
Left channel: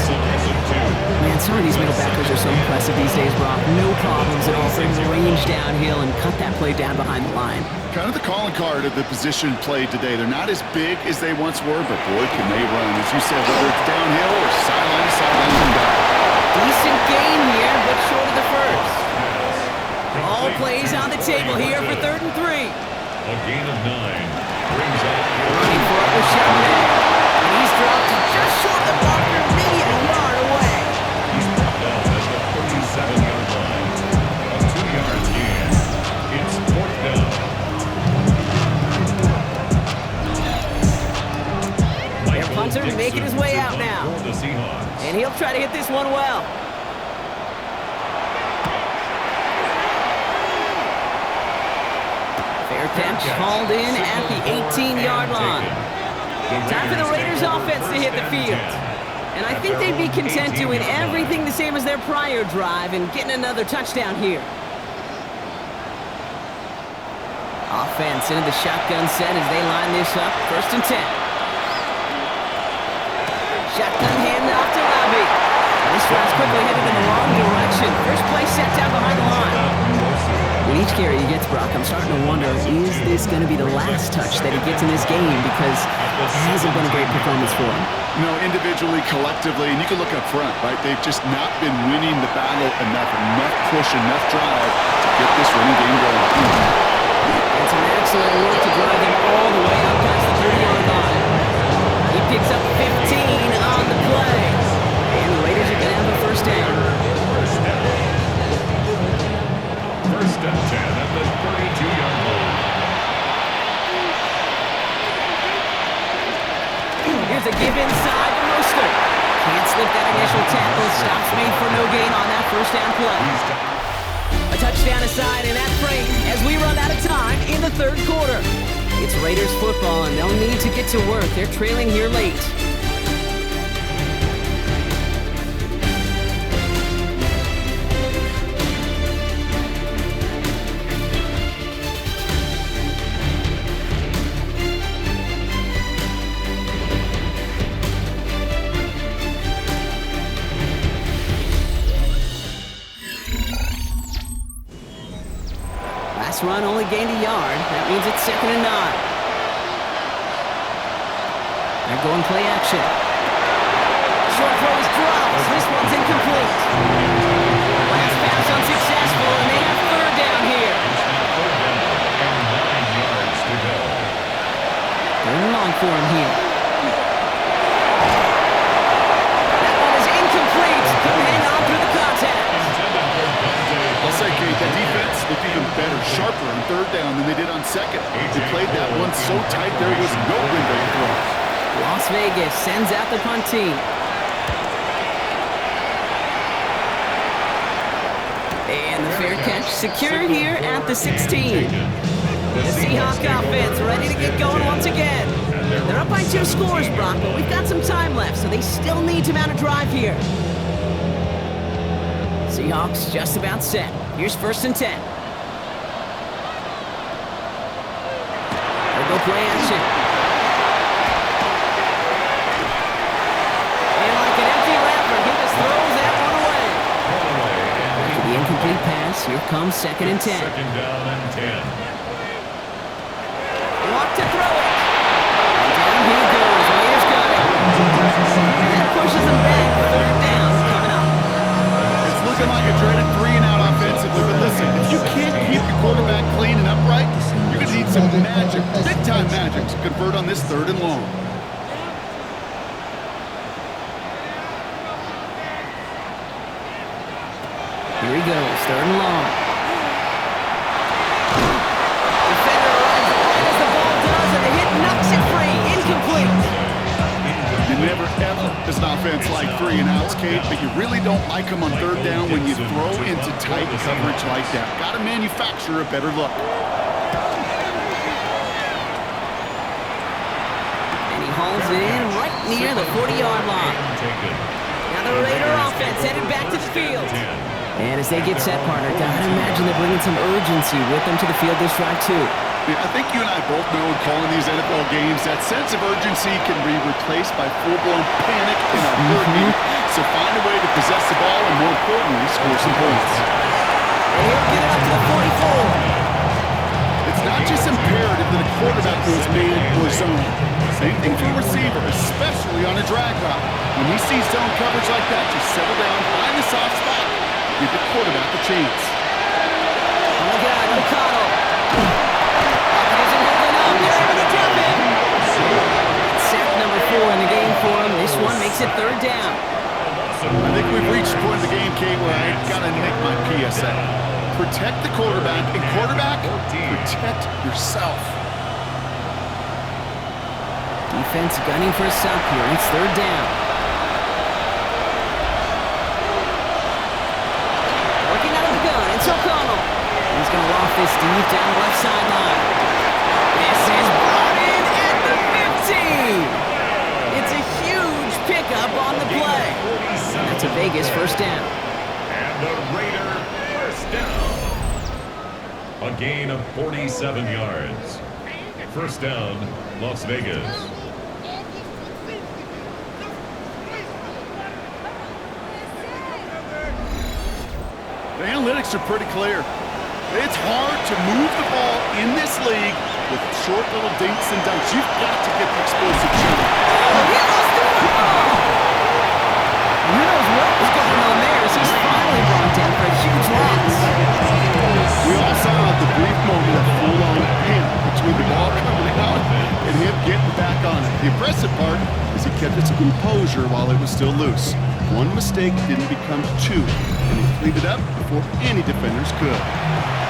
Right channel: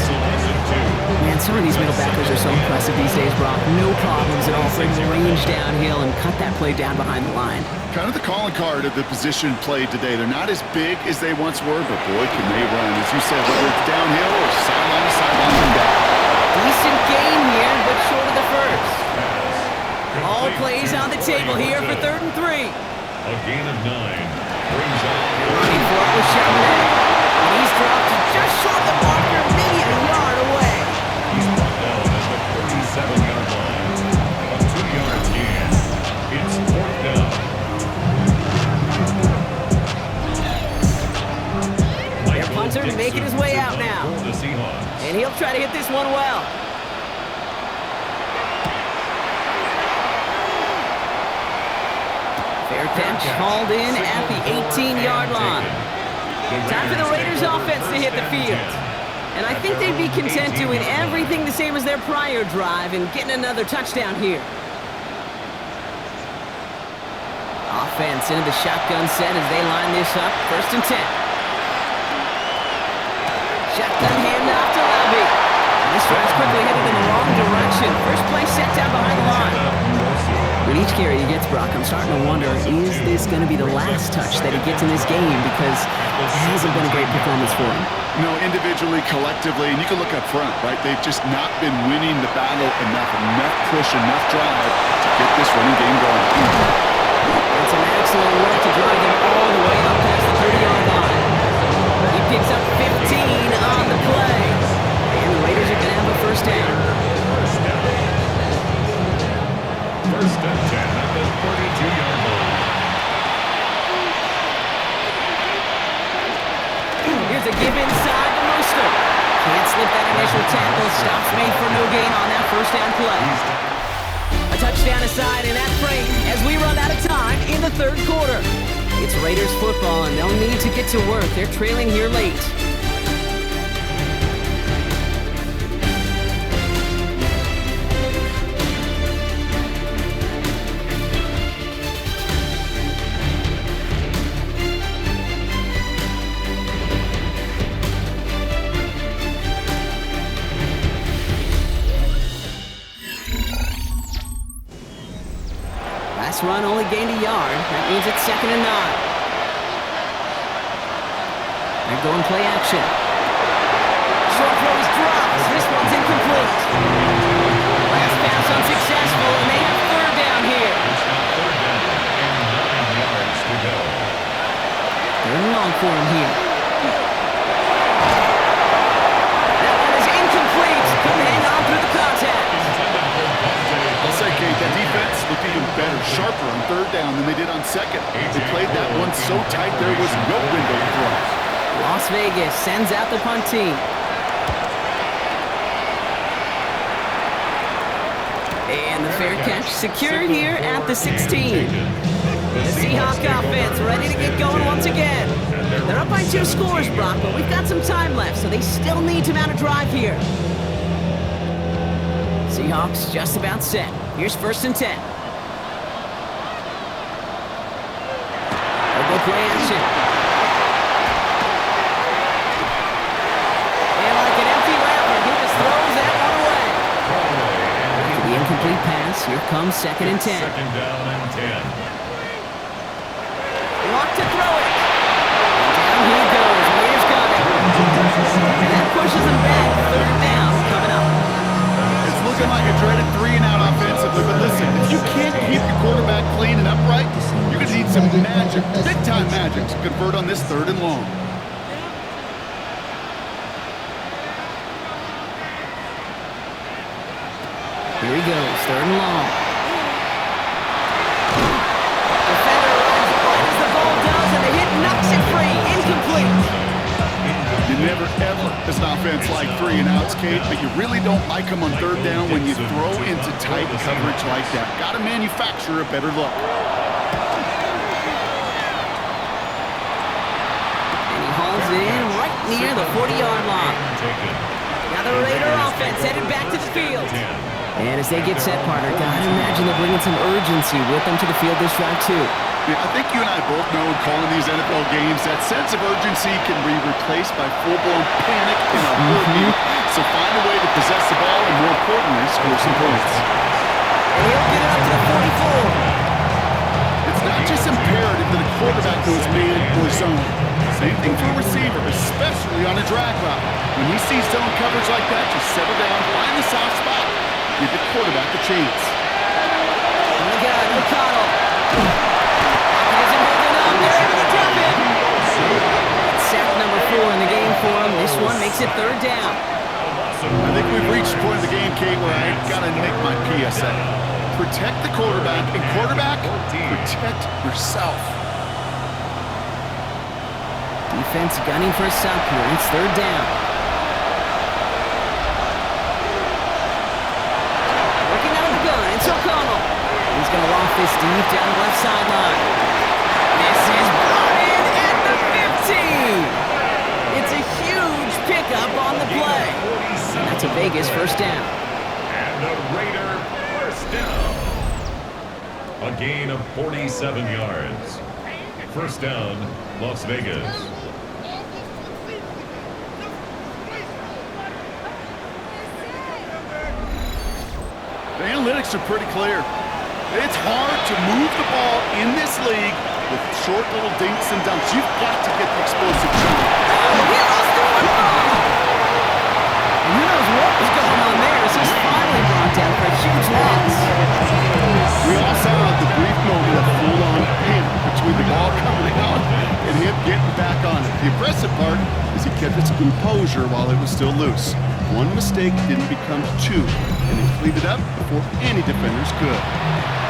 Man, some of these middle backers are so impressive these days, Brock. No problems at all for him to range downhill and cut that play down behind the line. Kind of the calling card of the position played today. They're not as big as they once were, but boy, can they run. As you said, whether it's downhill or sideline to sideline and back. Decent gain here, but short of the first. All plays on the table here for 3rd and 3. A gain of 9 brings up Running for it with Charbonnet. And he's dropped just short of the marker, maybe a yard away. He's brought down at the 37-yard line. A 2-yard gain. It's 4th down. Their punter making his way out now. And he'll try to hit this one well. Fair catch hauled in at the 18-yard line. Time for the Raiders offense to hit the field. And I think they'd be content doing everything the same as their prior drive and getting another touchdown here. Offense into the shotgun set as they line this up. 1st and 10. Shotgun handoff to Labby. This drive's quickly headed in the wrong direction. First play set down behind the line. With each carry he gets, Brock, I'm starting to wonder, is this going to be the last touch that he gets in this game? Because it hasn't been a great performance for him. You know, individually, collectively, and you can look up front, right? They've just not been winning the battle enough push, enough drive to get this running game going. And some excellent work to drive them all the way up past the 30-yard line. He picks up 15 on the play. And the Raiders are going to have a 1st down. 1st and 10 at the 32-yard line. Here's a give inside to Mostert. Can't slip that initial tackle. Stops made for no gain on that 1st down play. A touchdown aside in that frame as we run out of time in the 3rd quarter. It's Raiders football, and they'll need to get to work. They're trailing here late. Last run only gained a yard. That means it's 2nd and 9. They're going play action. Short throw is dropped. This one's incomplete. Last pass unsuccessful, and they have 3rd down here. And 9 yards to go. 3rd and long for him here. That one is incomplete. Couldn't hang on through the contact. I'll say, Kate, that defense looked even better, sharper on 3rd down than they did on 2nd. They played that one so tight there was no window to throw. Las Vegas sends out the punt team. And the fair catch secured here at the 16. The Seahawks offense ready to get going once again. They're up by 2 scores, Brock, but we've got some time left, so they still need to mount a drive here. Seahawks just about set. Here's 1st and 10. They'll go play action. And like an empty wrapper, he just throws that one away. After the incomplete pass, here comes 2nd and 10. 2nd down and 10. Lock to throw it. And down he goes. Raiders got it. And that pushes them back. 3rd down coming up. It's looking like a dreaded 3-and-out offensively, but listen, if you can't keep your quarterback clean and upright, you're going to need some magic, big-time magic, to convert on this 3rd and long. Here he goes, 3rd and long. Defender runs right as the ball does, and the hit knocks it free. Incomplete. You never, ever, as an offense, like 3 and outs, Kate, but you really don't like them on third down when you throw into tight coverage like that. Got to manufacture a better look. And he hauls it in right near the 40-yard line. Now the Raider offense headed back to the field. And as they get set, partner, gotta imagine they're bringing some urgency with them to the field this drive, too. Yeah, I think you and I both know in calling these NFL games that sense of urgency can be replaced by full-blown panic in a heartbeat. So find a way to possess the ball and, more importantly, score some points. And he'll get it up to the 44. It's not just imperative that a quarterback knows man or zone. Same thing for a receiver, especially on a drag route. When he sees zone coverage like that, just settle down, find the soft spot. Give the quarterback a chance. On the gun, O'Connell. Isn't holding up. They're able to drop him. Sack number 4 in the game for him. This one makes it third down. I think we've reached the point of the game, Kate, where I gotta nick my PSA. Protect the quarterback, and quarterback, protect yourself. Defense gunning for a stop here. It's third down. Working out of the gun, it's O'Connell. He's going to loft this deep down the left sideline. This is brought in at the 15. It's a huge pickup on the play. And that's a Vegas first down. And a Raider first down. A gain of 47 yards. First down, Las Vegas. The analytics are pretty clear. It's hard to move the ball in this league with short little dinks and dunks. You've got to get the explosive jump. Oh, he lost the football! Who knows what was going on there as he's finally brought down for a huge loss. We all saw the brief moment of full-on panic between the ball coming out and him getting back on it. The impressive part is he kept his composure while it was still loose. One mistake didn't become 2, and he cleaned it up before any defenders could.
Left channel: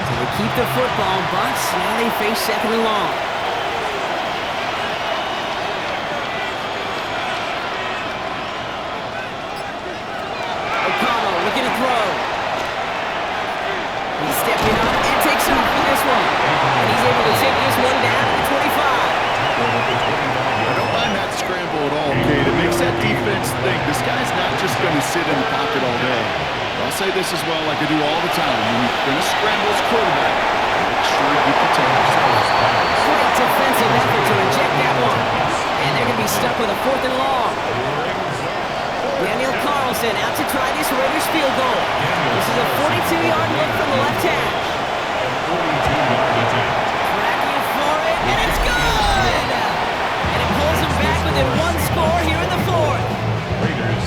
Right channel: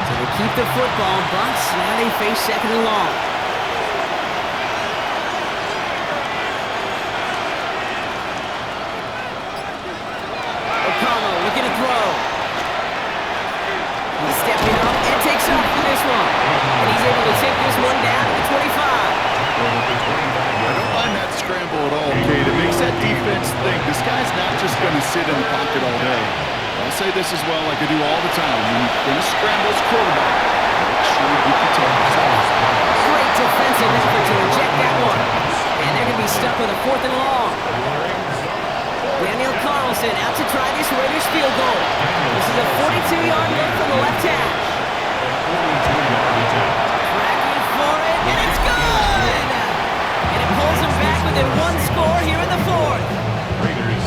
So they keep the football, but now they face second and long. O'Connell looking to throw. He's stepping up and takes off for this one. And he's able to take this one down to the 25. I don't mind that scramble at all, Kate. It makes that defense think this guy's not just going to sit in the pocket all day. I'll say this as well like I do all the time. When you're going to scramble as quarterback, make sure you protect yourself. Great defensive effort to inject that one. And they're going to be stuck with a 4th and long. Daniel Carlson out to try this Raiders field goal. This is a 42-yard look from the left hash. Tracking for it, and it's good! And it pulls them back within 1 score here in the 4th.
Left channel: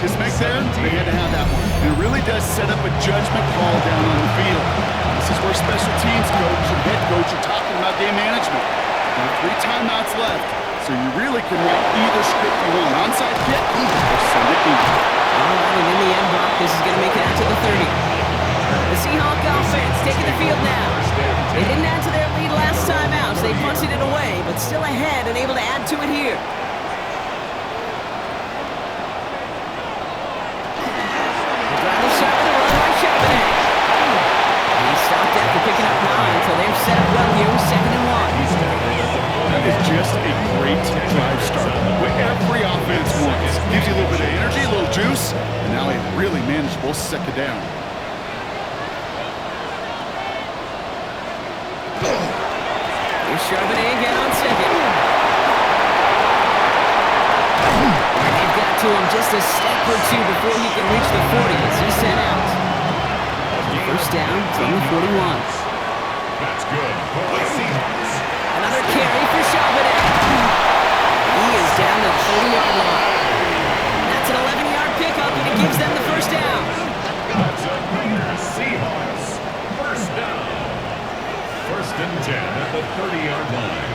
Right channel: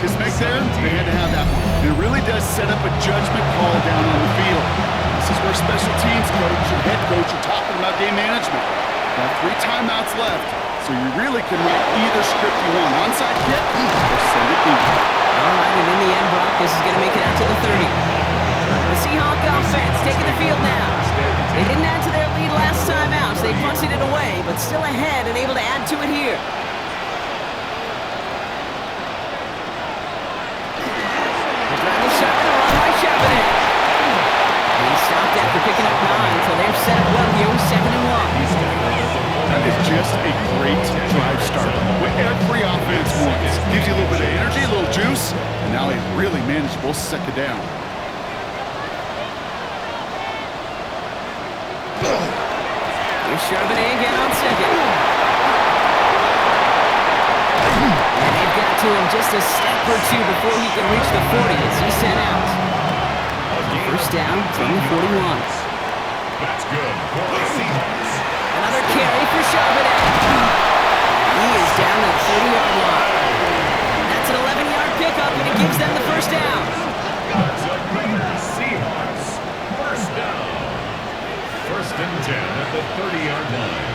His make there, they had to have that one. And it really does set up a judgment call down on the field. This is where special teams coach and head coach are talking about game management. Got 3 timeouts left, so you really can write either script you want. Onside kick or send it deep. All right, and in the end, Brock, this is going to make it out to the 30. The Seahawks offense taking the field now. They didn't add to their lead last time out, so they punted it away, but still ahead and able to add to it here. They're driving shot with a run by Charbonnet. He stopped after picking up 9, so they're set up well here with 2nd and 1. That is just a great drive start. What every offense wants. Gives you a little bit of energy, a little juice, and now a really manageable 2nd down. Here's Charbonnet again on 2nd. And they've got to him just a step or 2 before he can reach the 40 as he's sent out. First down from the 41. That's good for the Seahawks. Another carry for Charbonnet. He is down to the 30-yard line. That's an 11-yard pickup, and it gives them the first down. That's a Raiders Seahawks first down. 1st and 10 at the 30-yard line.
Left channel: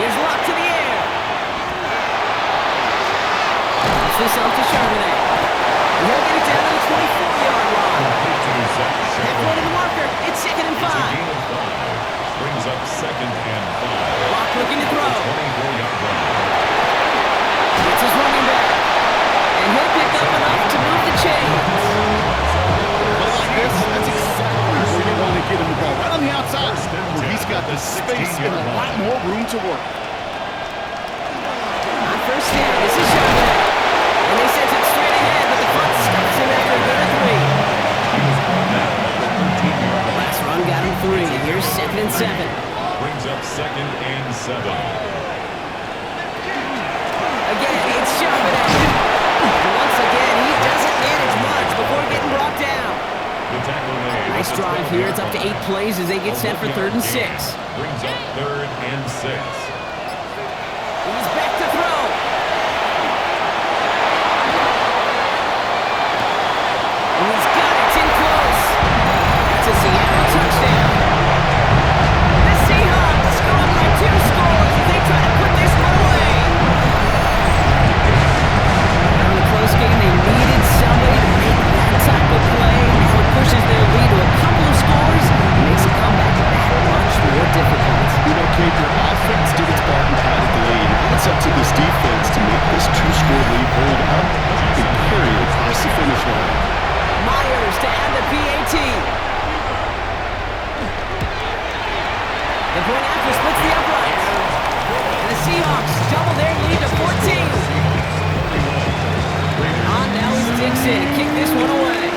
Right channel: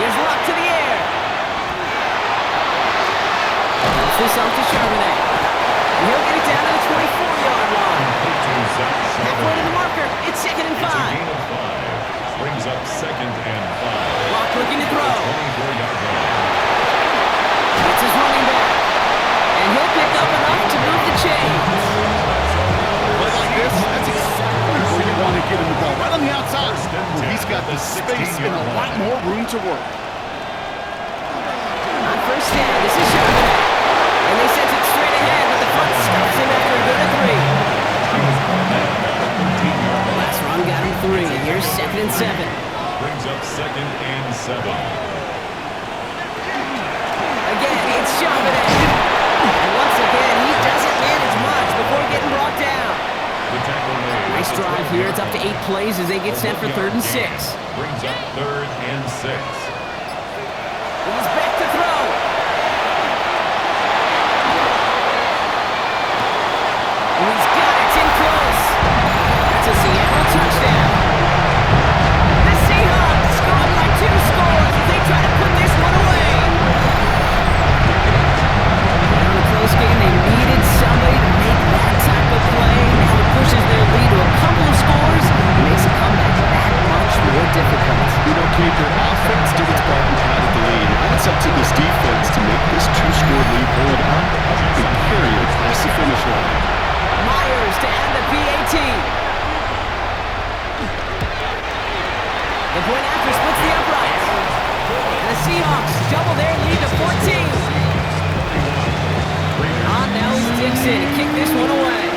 Here's Locke to the air. Puts this off to Charbonnet. And he'll get it down to the 24-yard line. Halfway to the marker. It's 2nd and 5. Brings up 2nd and 5. Locke looking to throw. 24-yard line. Gets his running back. And he'll pick up enough to move the chains. Play like this, that's exactly where you want to get him the ball. Right on the outside, where he's got the space and a lot more room to work. On first down, this is Charbonnet. And they sent it straight ahead, but the front stops him after a gain of 3. Last run got him 3. Here's 2nd and 7. Brings up 2nd and 7. Again, it's Charbonnet. And once again, he doesn't manage much before getting brought down. The tackle made. Nice drive here. It's up to 8 plays as they get set for 3rd and 6. Brings up 3rd and 6. He's back to throw. And he's got it. It's in close. That's a Seattle touchdown. The Seahawks go up by 2 scores as they try to put this one away. In a close game, they needed somebody to make that type of play. Now it pushes their lead to a couple of scores and makes a comeback that much more difficult. You know, Kate, their offense did its part and padded the lead. Now it's up to this defense to make this 2-score lead hold up and carry it across the finish line. Myers to add the PAT. The point after splits the uprights. And the Seahawks double their lead to 14. On now is Dixon to kick this one away.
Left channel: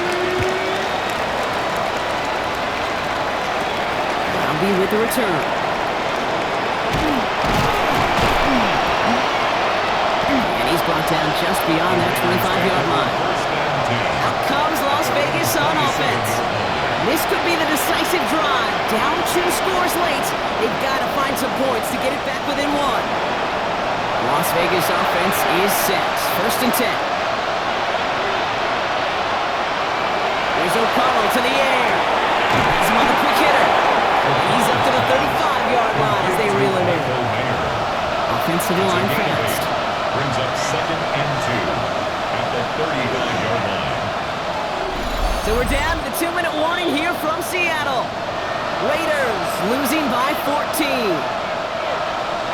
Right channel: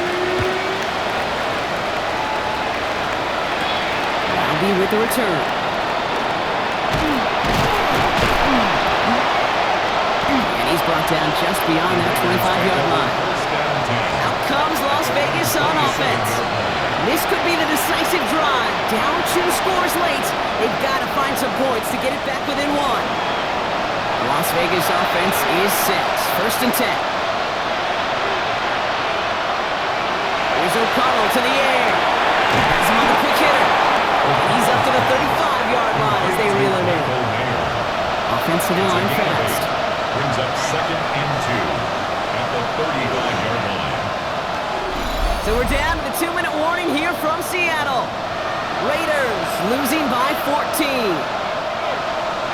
Roundy with the return. And he's brought down just beyond that 25-yard line. Out comes Las Vegas on offense. This could be the decisive drive. Down 2 scores late. They've got to find some points to get it back within 1. Las Vegas offense is set. 1st and 10. Here's O'Connell to the air. Has him on the quick hitter. And he's up to the 35-yard line as they reel him in. Offensive line fast. Brings up 2nd and 2 at the 35-yard line. So we're down to the 2-minute warning here from Seattle. Raiders losing by 14.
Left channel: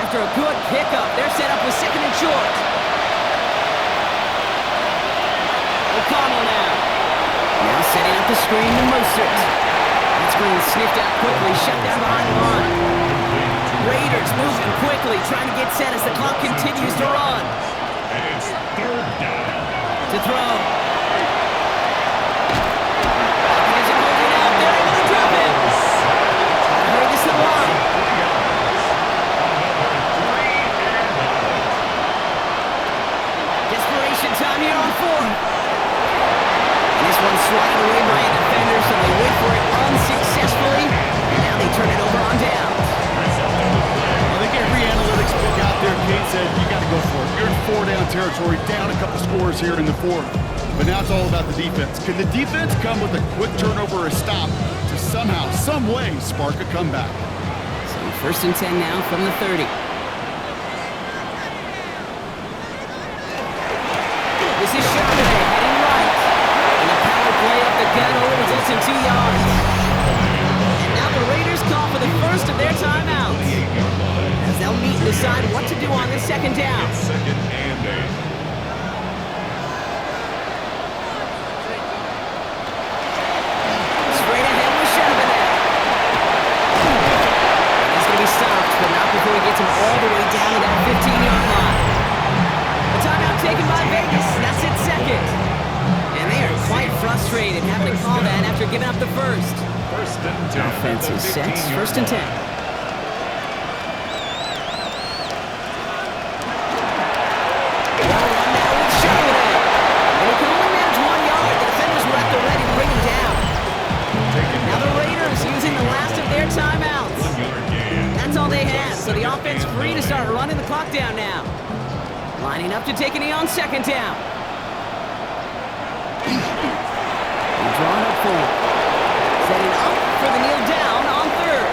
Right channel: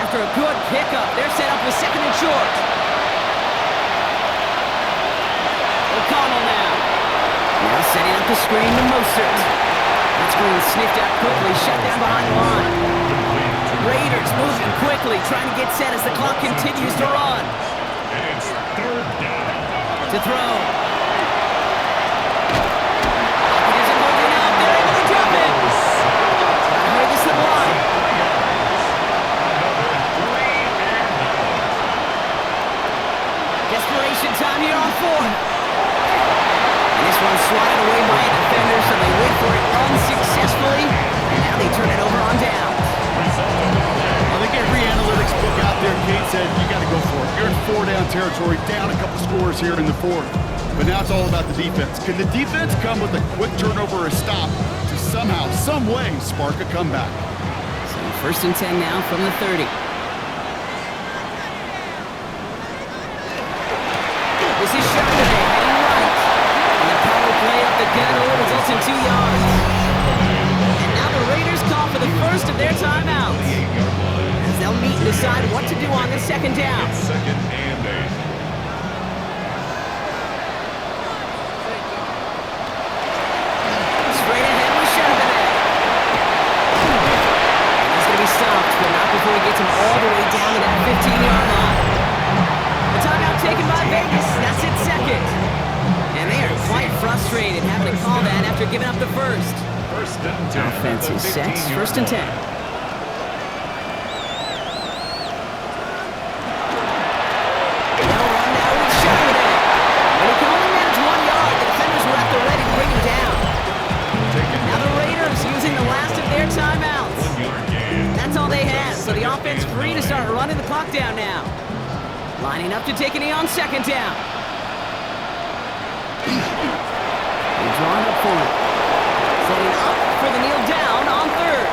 After a good pickup, they're set up with 2nd and short. O'Connell now. Now setting up the screen to Mostert. That screen sniffed out quickly, shut down behind the line. Raiders moving quickly, trying to get set as the clock continues to run. And it's 3rd down. To throw. Hopkins isn't holding out. They're able to drop it. Gotta hurry this to the line. Another 3 and out. Desperation time here on 4th. This one's swatted away by a defender, so they wait for it unsuccessfully, and now they turn it over on down. I think every analytics book out there, Kate, said you got to go for it. You're in 4-down territory, down a couple scores here in the 4th. But now it's all about the defense. Can the defense come with a quick turnover or a stop to somehow, some way, spark a comeback? So 1st and 10 now from the 30. This is Charbonnet heading right. And the power play up the gun only results in 2 yards. And now the Raiders call for the first of their timeouts, as they'll meet and decide what to do on this 2nd down. 2nd and 8. Straight ahead with Charbonnet. And he's going to be stopped, but not before he gets him all the way down to that 15-yard line. The timeout taken by Vegas. That's its 2nd. And they are quite frustrated having to call that after giving up the first. 1st and 10. Offense is set. 1st and 10. Well run now with Charbonnet. And he can only manage 1 yard. The defenders were at the ready to bring him down. Now the Raiders using the last of their timeouts. 1 yard gain. That's all they have, so the offense free to start running the clock down now. Lining up to take a knee on 2nd down. And drawing up for it. Setting up for the kneel down on 3rd.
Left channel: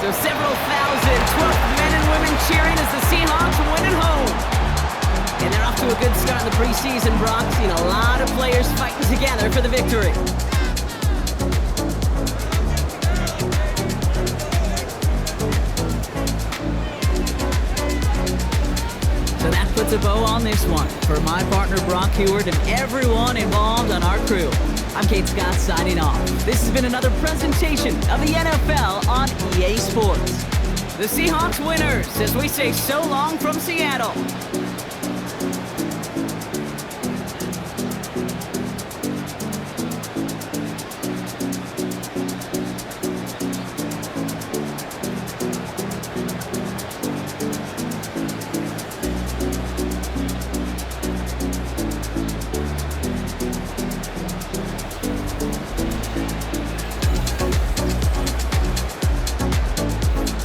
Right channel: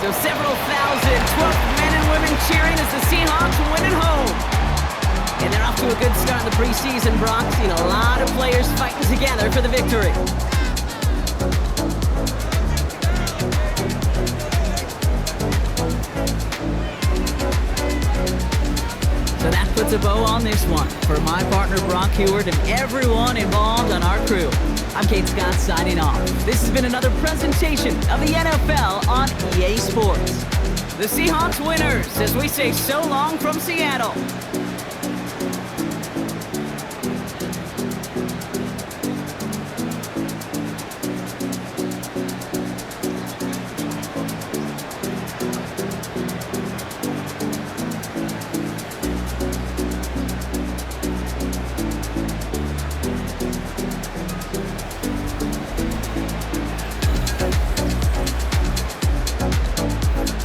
So several thousand 12th men and women cheering as the Seahawks win at home. And they're off to a good start in the preseason, Brock. Seen a lot of players fighting together for the victory. So that puts a bow on this one. For my partner Brock Heward and everyone involved on our crew, I'm Kate Scott signing off. This has been another presentation of the NFL on EA Sports. The Seahawks winners as we say so long from Seattle.